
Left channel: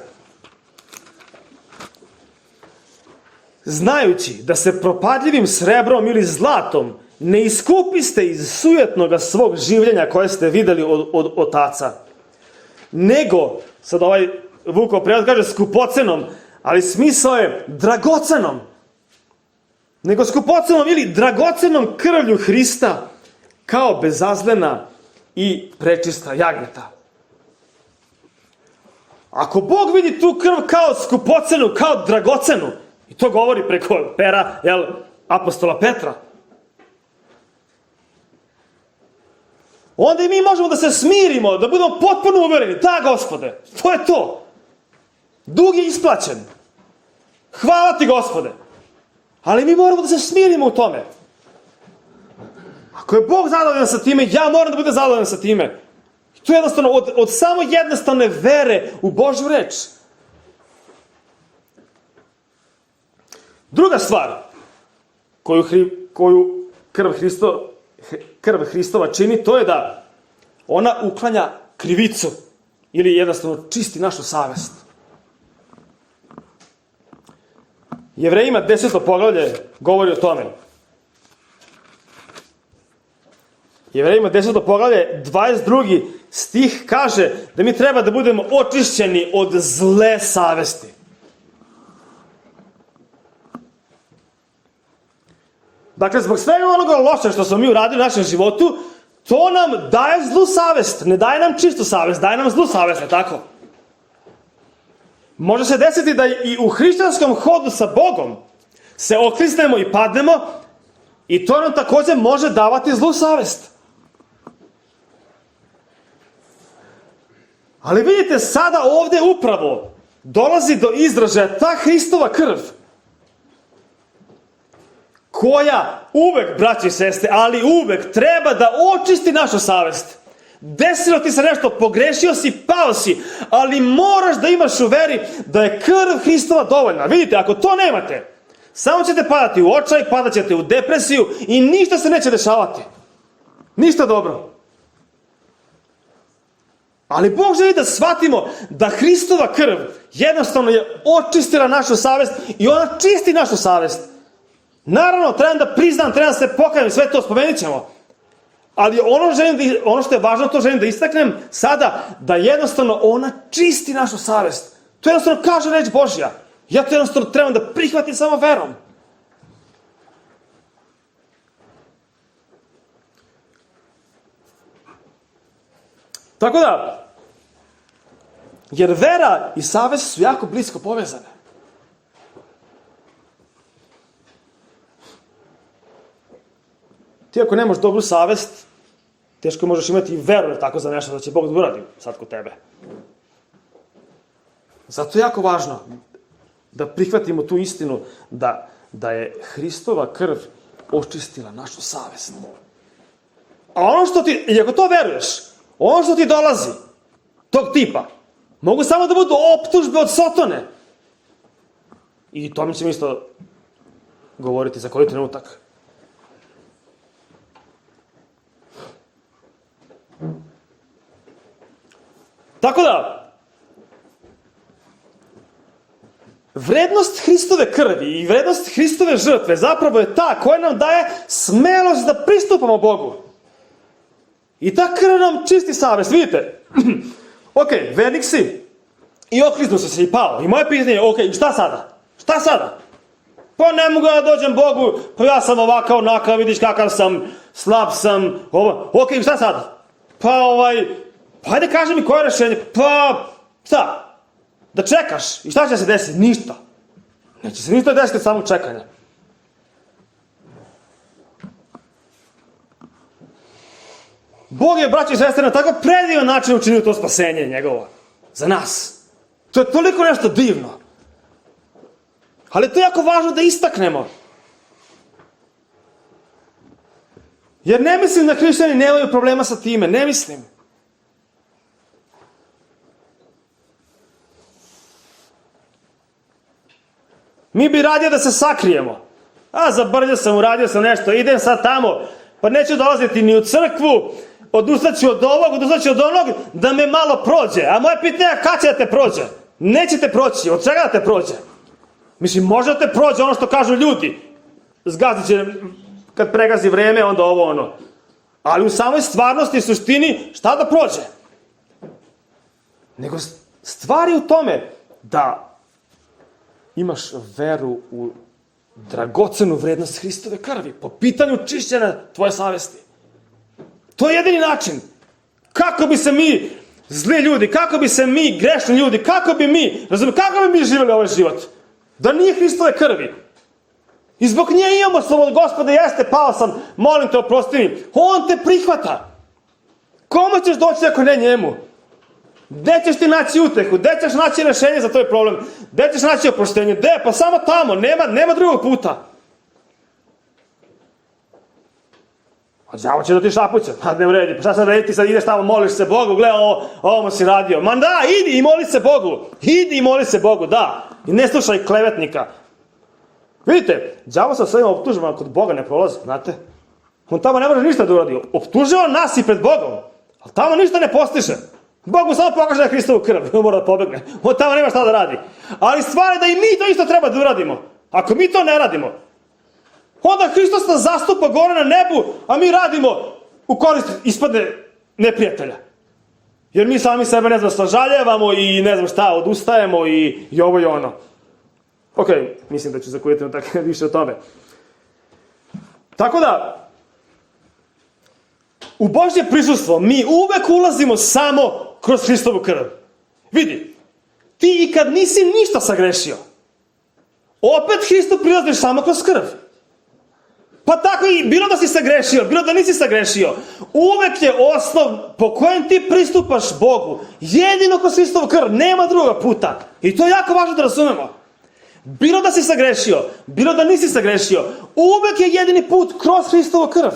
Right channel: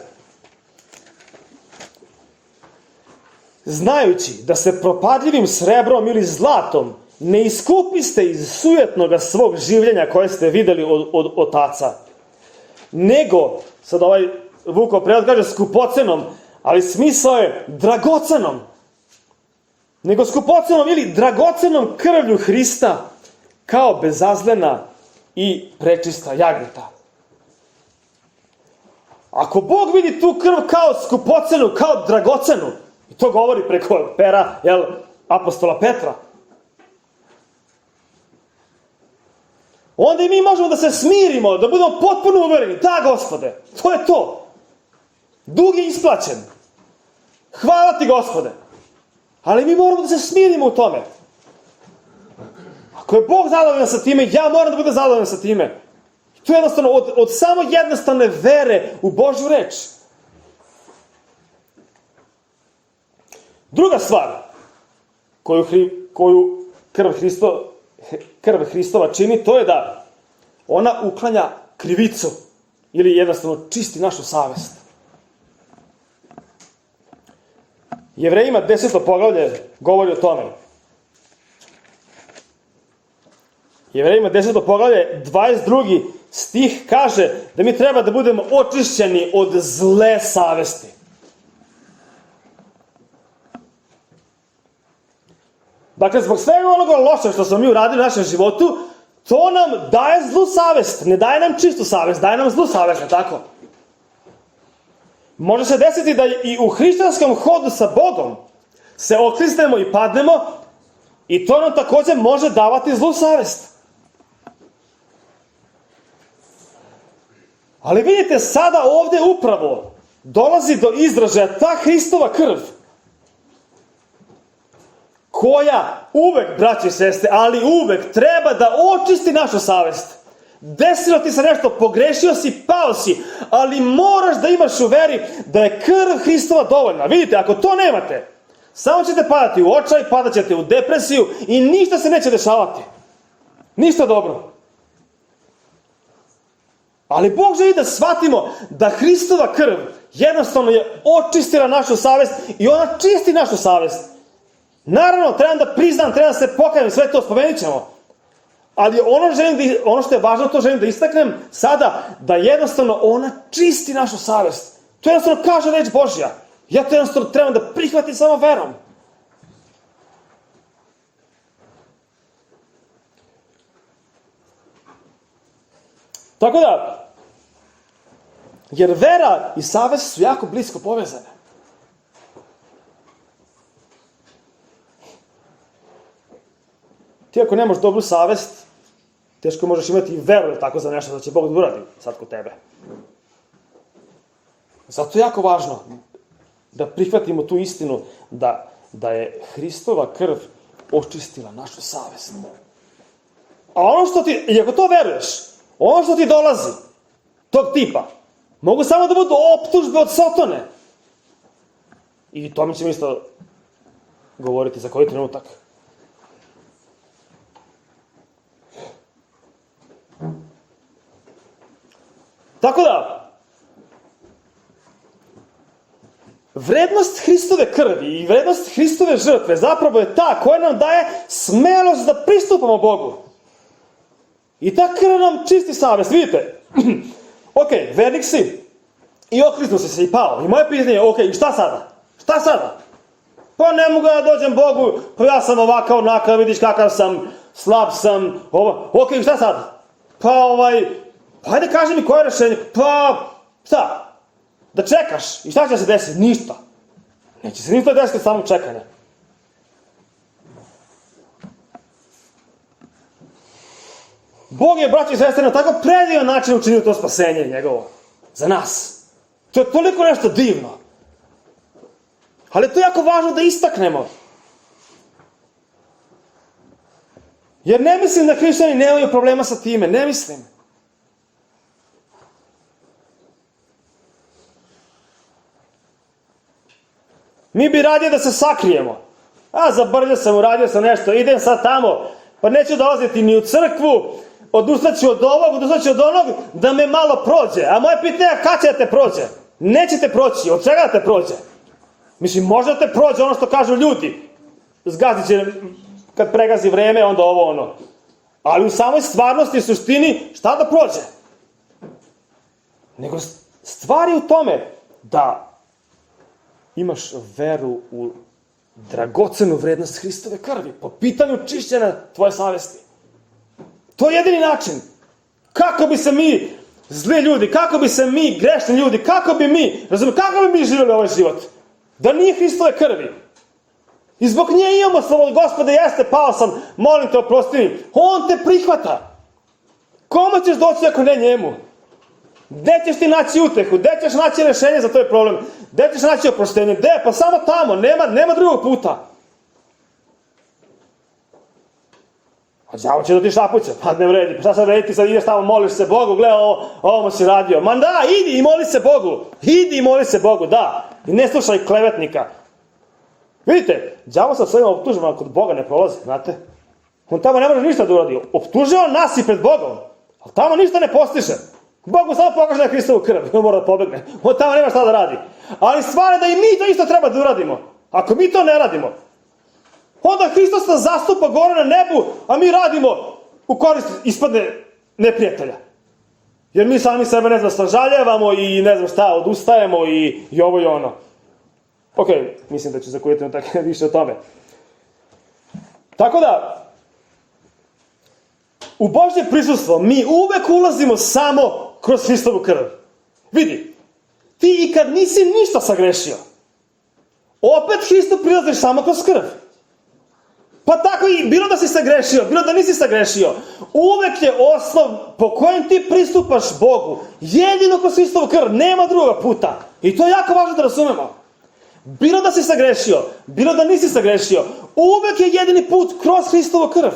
znajući da se propadljivim srebrom ili zlatom ne iskupiste iz sujetnoga svog življenja koje ste videli od otaca, nego, sad ovaj Vukov prijevod kaže skupocenom, ali smisao je dragocenom, nego skupocenom ili dragocenom krvlju Hrista, kao bezazlena i prečista jagnjeta. Ako Bog vidi tu krv kao skupocenu, kao dragocenu, i to govori preko pera apostola Petra, onda i mi možemo da se smirimo, da budemo potpuno uvereni. Da, Gospode, to je to. Dug je isplaćen. Hvala ti, Gospode. Ali mi moramo da se smirimo u tome. Ako je Bog zadovoljan sa time, ja moram da budem zadovoljan sa time. I to je jednostavno od samo jednostavne vere u Božju reč. Druga stvar koju krv Hristova čini, to je da ona uklanja krivicu ili jednostavno čisti našu savest. Jevrejima 10. poglavlje govori o tome. Jevrejima 10. poglavlje 22. stih kaže da mi treba da budemo očišćeni od zle savesti. Dakle, zbog svega onoga loše što smo mi uradili u našem životu, to nam daje zlu savest. Ne daje nam čistu savest, daje nam zlu savest, ne tako? Može se desiti da i u hrišćanskom hodu sa Bogom se okliznemo i padnemo i to nam također može davati zlu savest. Ali vidite, sada ovdje upravo dolazi do izražaja ta Hristova krv, koja uvek, braći i sestre, ali uvek treba da očisti našu savest. Desilo ti se nešto, pogrešio si, pao si, ali moraš da imaš u veri da je krv Hristova dovoljna. Vidite, ako to nemate, samo ćete padati u očaj, padat ćete u depresiju i ništa se neće dešavati. Ništa dobro. Ali Bog želi da shvatimo da Hristova krv jednostavno je očistila našu savest i ona čisti našu savest. Naravno, trebam da priznam, trebam da se pokajem, sve to spomenut ćemo. Ali ono što je važno, to želim da istaknem sada, da jednostavno ona čisti našu savest. To jednostavno kaže reč Božja. Ja to jednostavno trebam da prihvatim samo verom. Tako da, jer vera i savest su jako blisko povezane. Ti ako nemaš dobru savest, teško možeš imati i veru tako za nešto da će Bog da uradi sad kod tebe. Zato je jako važno da prihvatimo tu istinu da je Hristova krv očistila našu savest. A ono što ti, i ako to veruješ, ono što ti dolazi, tog tipa, mogu samo da budu optužbe od Sotone. I to mi ćemo isto govoriti za koji trenutak. Tako da, vrednost Hristove krvi i vrednost Hristove žrtve zapravo je ta koja nam daje smelost da pristupamo Bogu. I ta krv nam čisti savest. Vidite, ok, vernik si i okliznuo si se i pao. I moje pitanje je, ok, šta sada? Šta sada? Pa ne mogu da dođem Bogu, pa ja sam ovakav, onakav, vidiš kakav sam, slab sam, ovo. Ok, šta sada? Pa pa hajde kaži mi koje je rešenje. Pa, šta? Da čekaš. I šta će se desiti? Ništa. Neće se ništa desiti od samog čekanja. Bog je, braći i sestre, na tako predivan način učinio to spasenje njegovo. Za nas. To je toliko nešto divno. Ali to je jako važno da istaknemo. Jer ne mislim da hrišćani nemaju problema sa time. Ne mislim. Mi bi radije da se sakrijemo. Zabrljao sam, uradio sam nešto, idem sad tamo, pa neću dolaziti ni u crkvu, odustaću od ovog, odustaću od onog, da me malo prođe. A moje pitanje je kad će da te prođe? Nećete proći, od čega da te prođe? Mislim, može da te prođe ono što kažu ljudi. Zgazit će, kad pregazi vreme, onda ovo ono. Ali u samoj stvarnosti i suštini, šta da prođe? Nego stvar je u tome da imaš veru u dragocenu vrednost Hristove krvi po pitanju čišćenja tvoje savesti. To je jedini način. Kako bi se mi, zli ljudi, kako bi se mi, grešni ljudi, kako bi mi živjeli ovaj život? Da nije Hristove krvi. I zbog nje imamo slobodu. Gospode, jeste, pao sam, molim te, oprosti mi. On te prihvata. Komu ćeš doći ako ne njemu? Gde ćeš ti naći utehu? Gde ćeš naći rešenje za tvoj problem? Gde ćeš naći oproštenje? Gde? Pa samo tamo. Nema drugog puta. A đavo će da ti šapuće. Pa ne vredi. Pa šta sad redi? Ti sad ideš tamo, moliš se Bogu. Gle, ovo mu si radio. Ma da, idi i moli se Bogu. Idi i moli se Bogu, da. I ne slušaj klevetnika. Vidite, đavo sa svojim optužbama kod Boga ne prolazi, znate. On tamo ne može ništa da uradi. Optužava nas i pred Bogom. Ali tamo ništa ne postiže. Bog mu samo pokaže na Hristovu krv, on mora da pobegne. On tamo nema šta da radi. Ali stvar je da i mi to isto treba da uradimo. Ako mi to ne radimo, onda Hristos nas zastupa gore na nebu, a mi radimo u korist ispadne neprijatelja. Jer mi sami sebe, ne znam, sažaljevamo i ne znam šta, odustajemo i ovo i ono. Ok, mislim da ću za koji trenutak više o tome. Tako da, u Božje prisustvo mi uvek ulazimo samo kroz Hristovu krv. Vidi, ti i kad nisi ništa sagrešio, opet Hristu prilaziš samo kroz krv. Pa tako i bilo da si sagrešio, bilo da nisi sagrešio, uvek je osnov po kojem ti pristupaš Bogu jedino kroz Hristovu krv, nema druga puta. I to je jako važno da razumemo. Bilo da si sagrešio, bilo da nisi sagrešio, uvek je jedini put kroz Hristovu krv.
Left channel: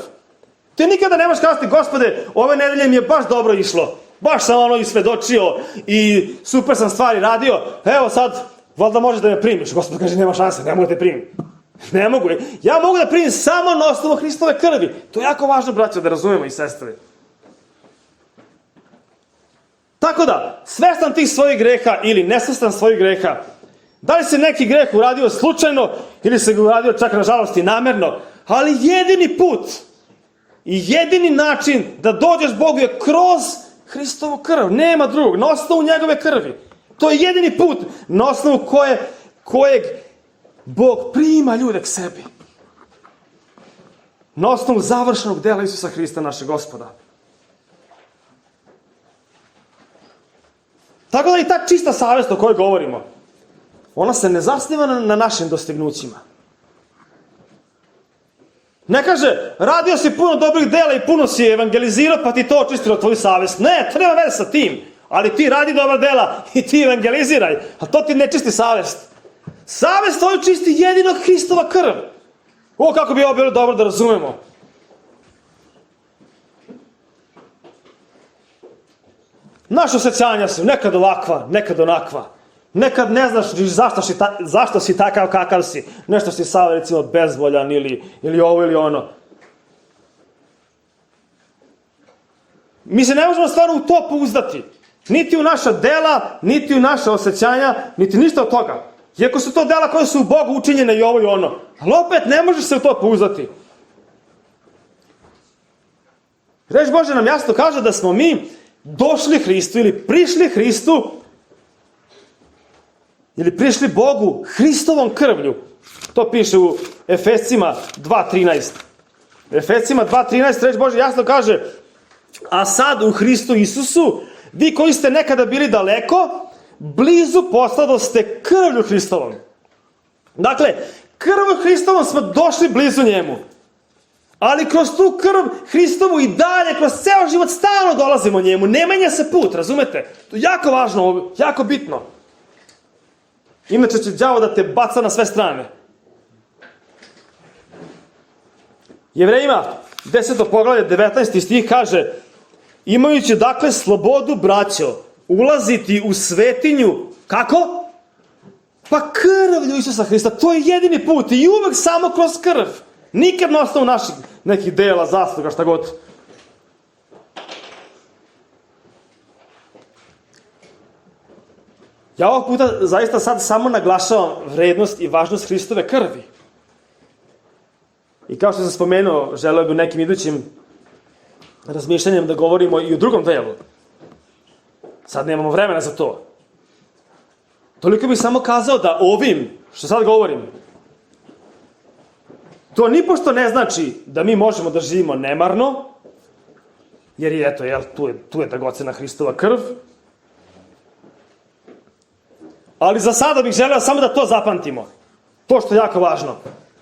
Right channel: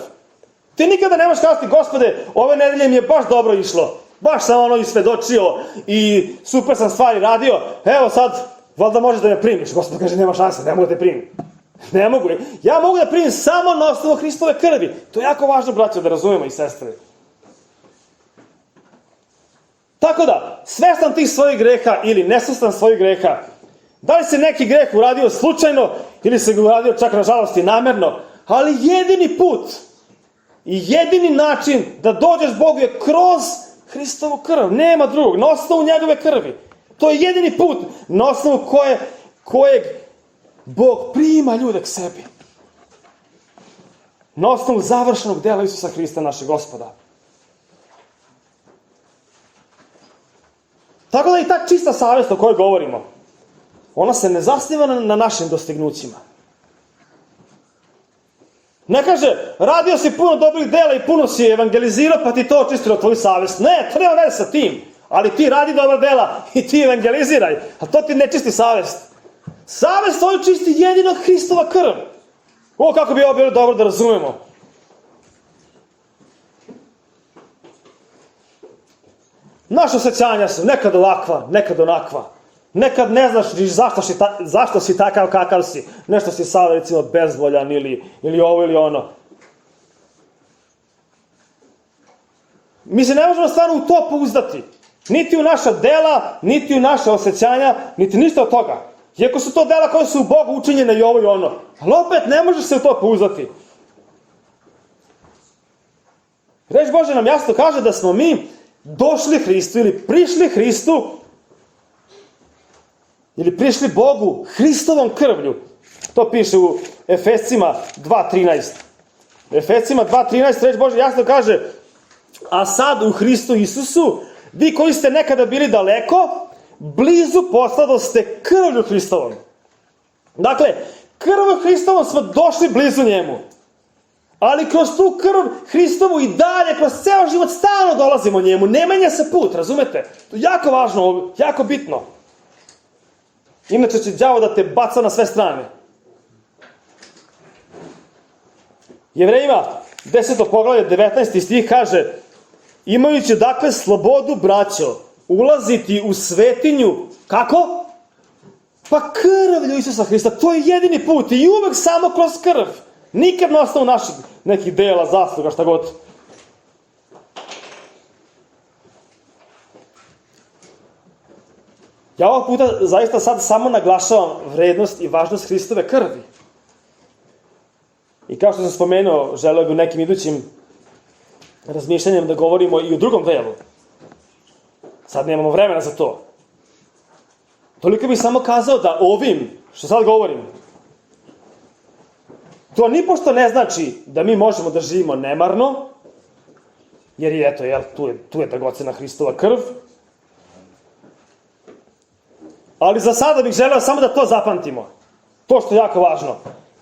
Ti nikada nemaš kazati, Gospode, ove nedelje mi je baš dobro išlo, baš sam ono isvedočio i super sam stvari radio, evo sad, valjda možeš da me primiš. Gospod kaže, nema šanse, ne mogu da te primim. Ne mogu. Ja mogu da primim samo na osnovu Hristove krvi. To je jako važno, braćo, da razumemo i sestre. Tako da, svestan tih svojih greha ili nesvestan svojih greha, da li se neki greh uradio slučajno ili se ga uradio čak nažalost i namerno, ali jedini put i jedini način da dođeš Bogu je kroz Hristovu krv. Nema drugog, na osnovu njegove krvi. To je jedini put na osnovu kojeg Bog prima ljude k sebi. Na osnovu završenog dela Isusa Hrista, našeg Gospoda. Tako da i ta čista savest o kojoj govorimo, ona se ne zasniva na našim dostignućima. Ne kaže, radio si puno dobrih dela i puno si evangelizirao, pa ti to očistilo tvoju savest. Ne, treba veze sa tim. Ali ti radi dobra dela i ti evangeliziraj. A to ti ne čisti savest. Savest tvoju čisti jedino Hristova krv. O, kako bi ovo bilo dobro da razumemo. Naša osjećanja su nekad ovakva, nekad onakva. Nekad ne znaš zašto si takav kakav si. Nešto si sad, recimo, bezvoljan ili ovo ili ono. Mi se ne možemo stvarno u to pouzdati. Niti u naša dela, niti u naša osjećanja, niti ništa od toga. Iako su to dela koje su u Bogu učinjene i ovo i ono. Ali opet ne možeš se u to pouzdati. Reč Bože nam jasno kaže da smo mi došli Hristu ili prišli Hristu ili prišli Bogu Hristovom krvlju. To piše u Efescima 2.13. Efescima 2.13 reč Bože jasno kaže: a sad u Hristu Isusu, vi koji ste nekada bili daleko, blizu posladoste krvlju Hristovom. Dakle, krvlju Hristovom smo došli blizu njemu. Ali kroz tu krv Hristovu i dalje, kroz ceo život stalno dolazimo njemu. Ne menja se put, razumete? To je jako važno, jako bitno. Inače će đavo da te baca na sve strane. Jevrejima 10. poglavlje 19. stih kaže: imajući dakle slobodu, braćo, ulaziti u svetinju, kako? Pa krvlju Isusa Hrista, to je jedini put i uvek samo kroz krv. Nikad na osnovu naših nekih dela, zasluga, šta god. Ja ovog puta zaista sad samo naglašavam vrednost i važnost Hristove krvi. I kao što sam spomenuo, želeo bih u nekim idućim razmišljanjem da govorimo i o drugom delu. Sad nemamo vremena za to. Toliko bih samo kazao da ovim, što sad govorim, to nipošto ne znači da mi možemo da živimo nemarno, jer je, eto, tu je dragocena Hristova krv. Ali za sada bih želeo samo da to zapamtimo. To što je jako važno.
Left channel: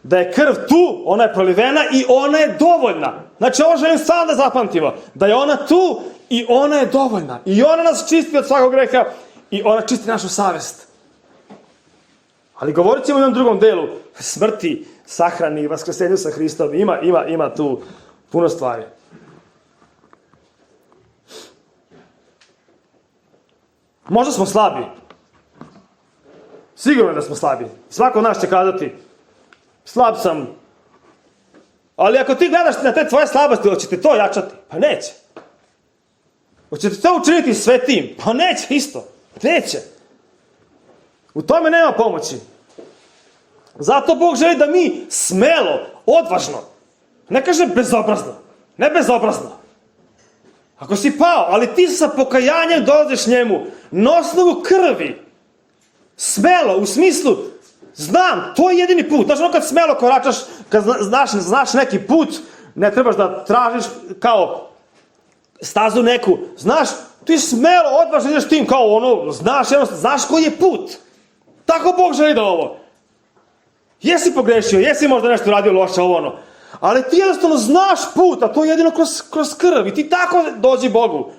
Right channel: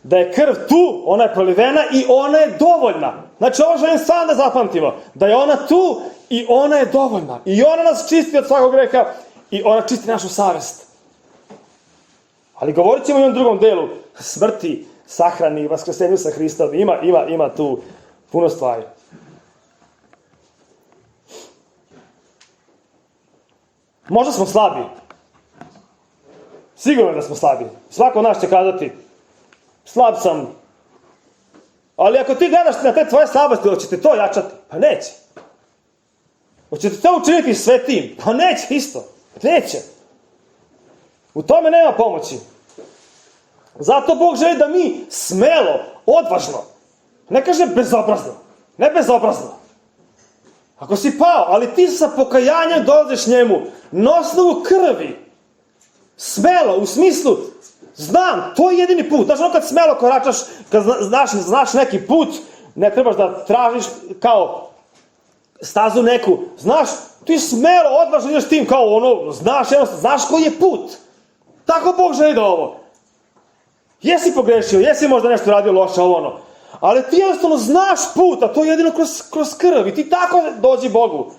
Da je krv tu, ona je prolivena i ona je dovoljna. Znači, ovo želim stvarno da zapamtimo. Da je ona tu i ona je dovoljna. I ona nas čisti od svakog greha i ona čisti našu savest. Ali govorit ćemo i o drugom delu. Smrti, sahrani, vaskrsenju sa Hristom. Ima tu puno stvari. Možda smo slabi. Sigurno da smo slabi. Svako od nas će kazati: slab sam. Ali ako ti gledaš na te tvoje slabosti, hoćete to jačati? Pa neće. Hoćete to učiniti svetim? Pa neće isto. Neće. U tome nema pomoći. Zato Bog želi da mi smelo, odvažno, ne kaže bezobrazno, ne bezobrazno. Ako si pao, ali ti sa pokajanjem dolaziš njemu, na osnovu krvi, smelo, u smislu, znam, to je jedini put. Znaš, ono kad smelo koračaš, kad znaš neki put, ne trebaš da tražiš kao stazu neku, znaš, ti smelo, odvažno ideš tim kao ono, znaš koji je put. Tako Bog želi da ovo. Jesi pogrešio, jesi možda nešto radio loše, ovo ono, ali ti jednostavno znaš put, a to je jedino kroz krv i ti tako dođi Bogu.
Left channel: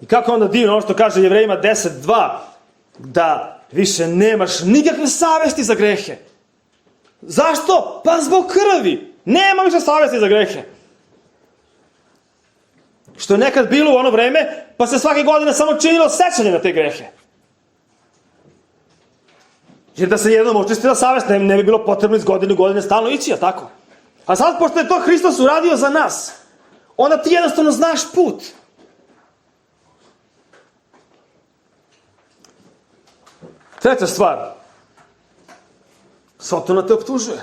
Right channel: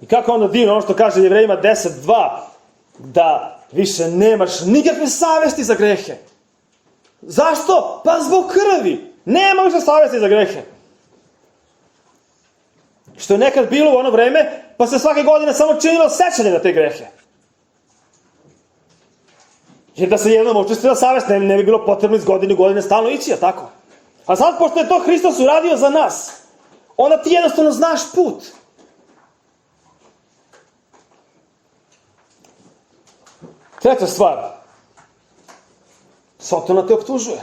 I kako onda divno ono što kaže Jevrejima 10.2, da više nemaš nikakve savesti za grehe. Zašto? Pa zbog krvi. Nema više savesti za grehe. Što je nekad bilo u ono vreme, pa se svake godine samo činilo sećanje na te grehe. Jer da se jednom očistila savest, ne bi bilo potrebno iz godine u godine stalno ići, a tako? A sad, pošto je to Hristos uradio za nas, onda ti jednostavno znaš put. Treća stvar. Sotona te optužuje.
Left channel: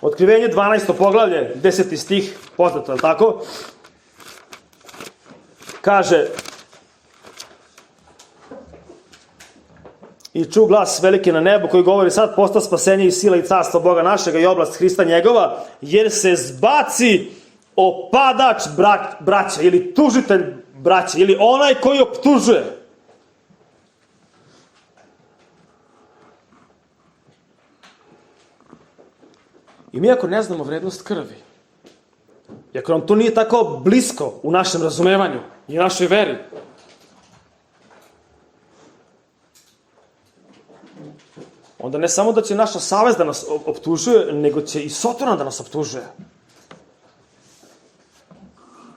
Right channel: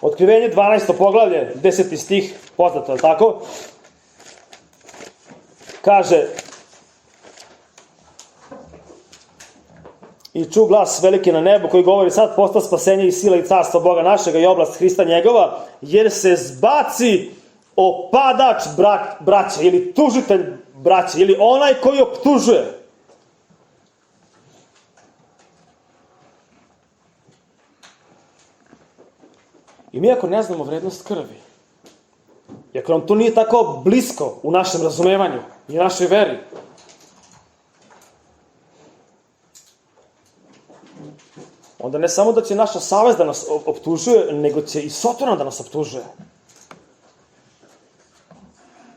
Otkrivenje 12. poglavlje, 10. stih, poznato, je li tako? Kaže: I ču glas veliki na nebu koji govori: sad posta spasenje i sila i carstvo Boga našega i oblast Hrista njegova, jer se zbaci opadač braća, ili tužitelj braća, ili onaj koji optužuje. I mi ako ne znamo vrednost krvi, i ako nam to nije tako blisko u našem razumevanju i našoj veri, onda ne samo da će naša savest da nas optužuje, nego će i Sotona da nas optužuje.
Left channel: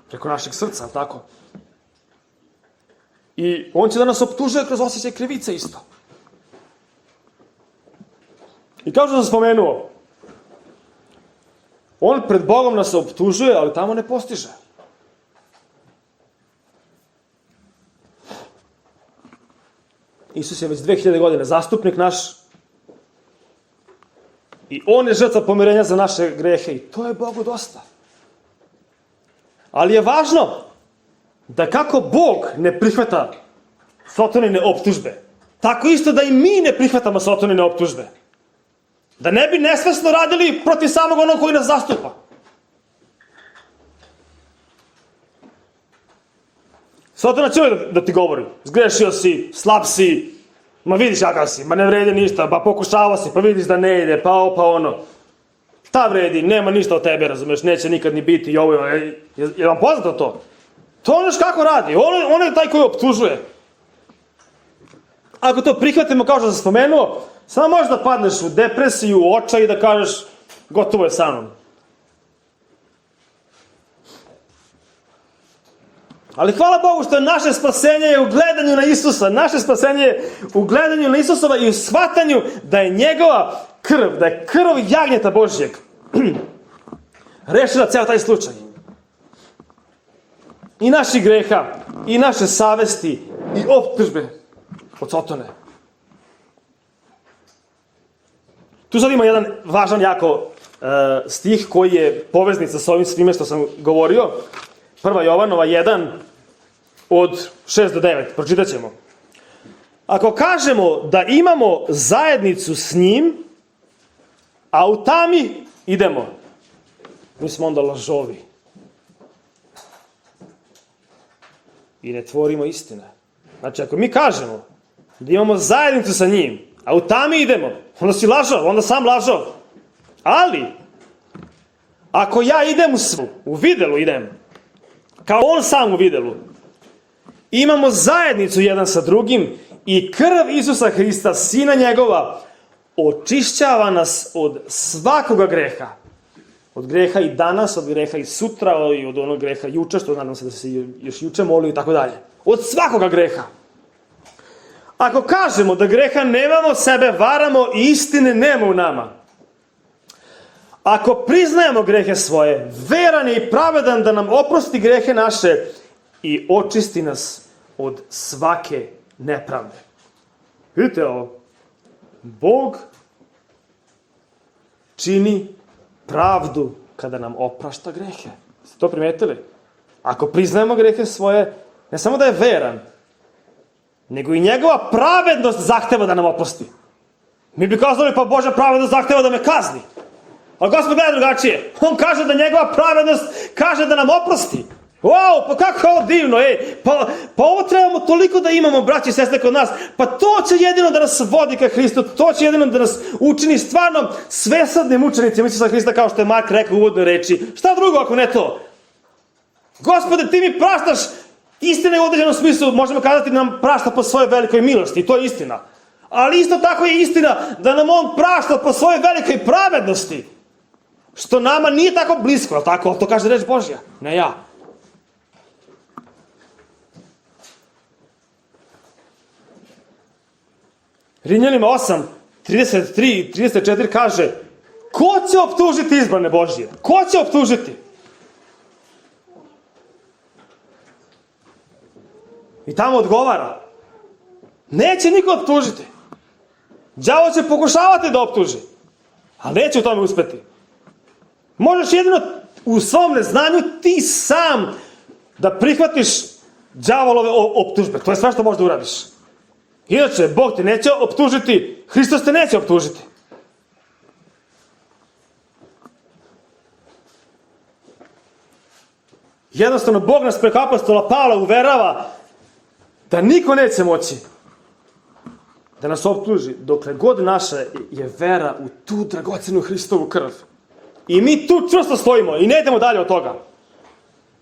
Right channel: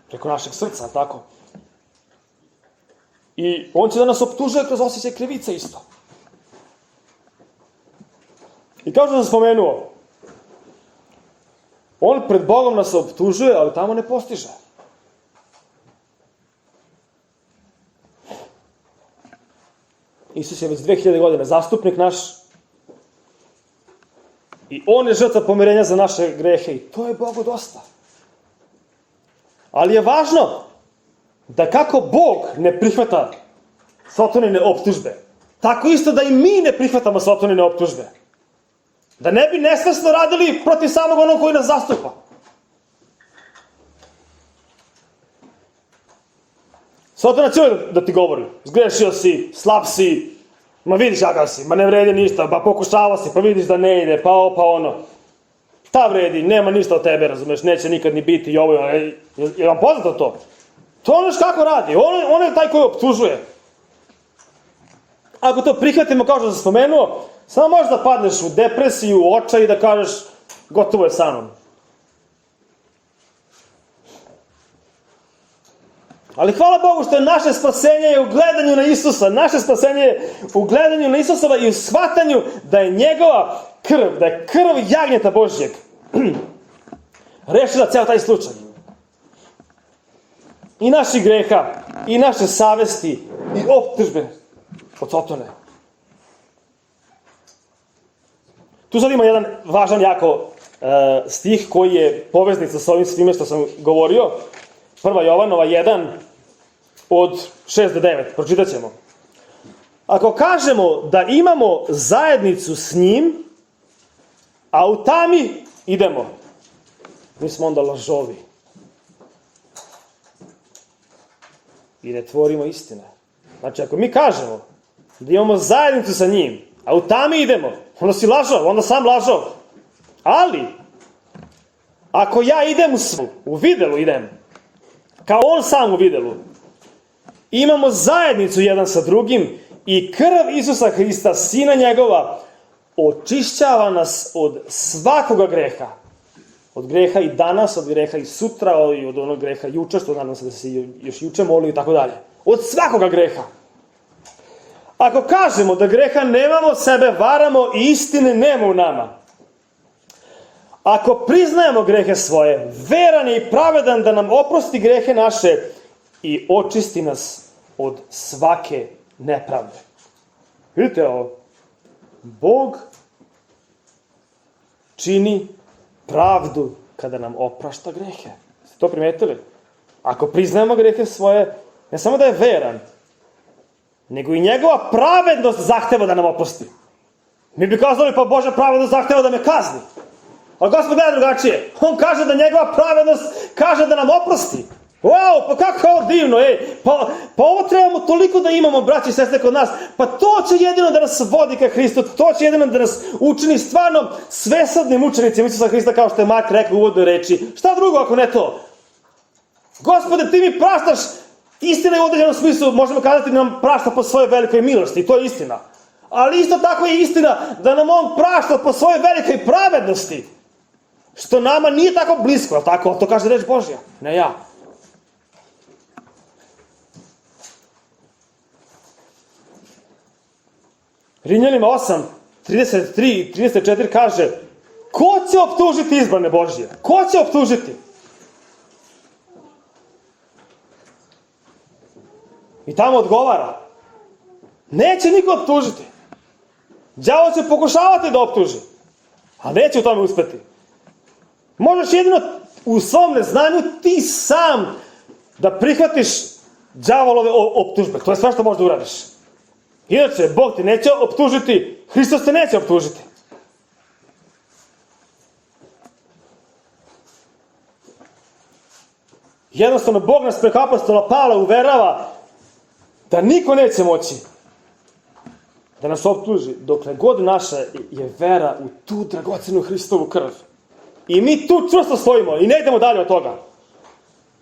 Preko našeg srca, tako? I on će da nas optužuje kroz osjećaj krivice isto. I kao što sam spomenuo, on pred Bogom nas optužuje, ali tamo ne postiže. Isus je već 2000 godina zastupnik naš i on je žrtva pomirenja za naše grehe i to je Bogu dosta. Ali je važno da kako Bog ne prihvata Sotonine optužbe, tako isto da i mi ne prihvatamo Sotonine optužbe. Da ne bi nesvesno radili protiv samog onog koji nas zastupa. Sotona će da ti govori: zgrešio si, slab si, ma vidiš kakav si, ma ne vredi ništa, pa pokušava si, pa vidiš da ne ide, pa ovo, pa ono. Šta vredi, nema ništa od tebe, razumeš, neće nikad ni biti i ovo, je vam poznato to? To ono kako radi, on je taj koji optužuje. Ako to prihvatimo, kao što sam spomenuo, samo možeš da padneš u depresiju, u očaj i da kažeš: gotovo je sa mnom. Ali hvala Bogu što je naše spasenje u gledanju na Isusa. Naše spasenje je u gledanju na Isusova i u shvatanju da je njegova krv, da je krv jagnjeta Božjeg rešila ceo taj slučaj. I naših greha, i naše savesti, i optužbe od Sotone. Tu sad ima jedan važan jako stih koji je poveznica sa ovim svime što sam govorio. 1. Jovanova 1 od 6 do 9. Pročitat ćemo. Ako kažemo da imamo zajednicu s njim, a u tami idemo, mi smo onda lažovi. I ne tvorimo istine. Znači, ako mi kažemo da imamo zajednicu sa njim, a u tami idemo, onda si lažov, onda sam lažov. Ali, ako ja idem u videlu idem, kao on sam u videlu, imamo zajednicu jedan sa drugim i krv Isusa Hrista, Sina njegova, očišćava nas od svakoga greha. Od greha i danas, od greha i sutra, i od onog greha juče, što nadam se da se još juče molio i tako dalje. Od svakoga greha. Ako kažemo da greha nemamo, sebe varamo i istine nema u nama. Ako priznajemo grehe svoje, veran je i pravedan da nam oprosti grehe naše i očisti nas od svake nepravde. Vidite ovo, Bog čini pravdu kada nam oprašta grehe. Ste to primetili? Ako priznajemo grehe svoje, ne samo da je veran, nego i njegova pravednost zahteva da nam oprosti. Mi bi kazali, pa Božja pravednost zahteva da me kazni. A Gospod gleda drugačije. On kaže da njegova pravednost kaže da nam oprosti. Wow, pa kako ovo divno, pa ovo trebamo toliko da imamo, braći i sestre, kod nas. Pa to će jedino da nas vodi ka Hristu, to će jedino da nas učini stvarno svesadnim učenicima Isusa Hrista, kao što je Mark rekao u uvodnoj reči. Šta drugo ako ne to? Gospode, ti mi praštaš, istina je u određenom smislu, možemo kazati da nam prašta po svojoj velikoj milosti, to je istina. Ali isto tako je istina da nam on prašta po svojoj velikoj pravednosti. Što nama nije tako blisko, ali tako? To kaže reč Božja, ne ja. Rimljanima 8, 33 i 34 kaže: ko će optužiti izbrane Božje? Ko će optužiti? I tamo odgovara: neće niko optužiti. Đavo će pokušavati da optuži, ali neće u tome uspeti. Možeš jedino u svom neznanju ti sam da prihvatiš đavolove optužbe. To je sve što možeš da uradiš. Inače, Bog te neće optužiti, Hristos te neće optužiti. Jednostavno, Bog nas preko apostola Pavla uverava da niko neće moći da nas optuži dokle god naša je vera u tu dragocenu Hristovu krv. I mi tu čvrsto stojimo i ne idemo dalje od toga.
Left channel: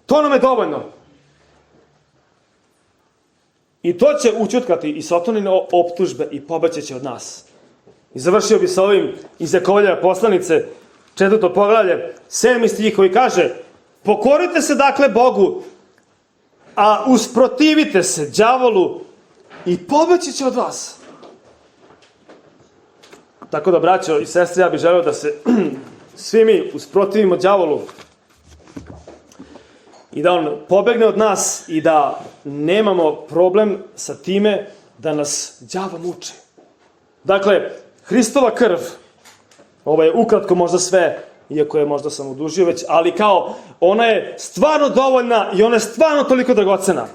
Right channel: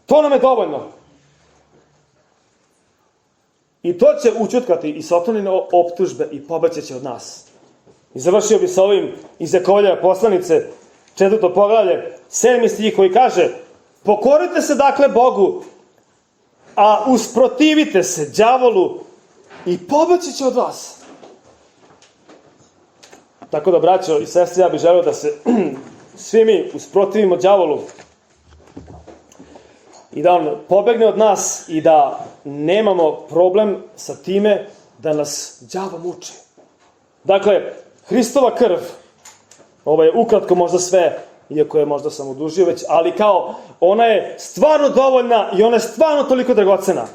To nam je dovoljno. I to će učutkati i Satanine optužbe i pobeći od nas. I završio bi sa ovim iz Jakovljeve poslanice, 4. poglavlje, 7. stih koji kaže: pokorite se dakle Bogu, a usprotivite se đavolu i pobeći će od vas. Tako da, braćo i sestre, ja bih želeo da se svi mi usprotivimo đavolu i da on pobegne od nas i da nemamo problem sa time da nas đavo muči. Dakle, Hristova krv, ovo je ukratko možda sve, iako je možda sam odužio već, ali kao ona je stvarno dovoljna i ona je stvarno toliko dragocena.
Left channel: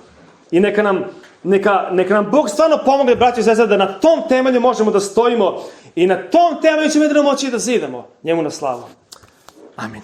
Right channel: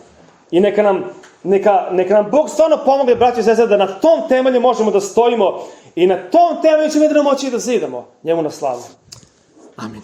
I neka nam Bog stvarno pomogne, braći i sestre, da na tom temelju možemo da stojimo i na tom temelju ćemo jedino moći da zidamo njemu na slavu. Amin.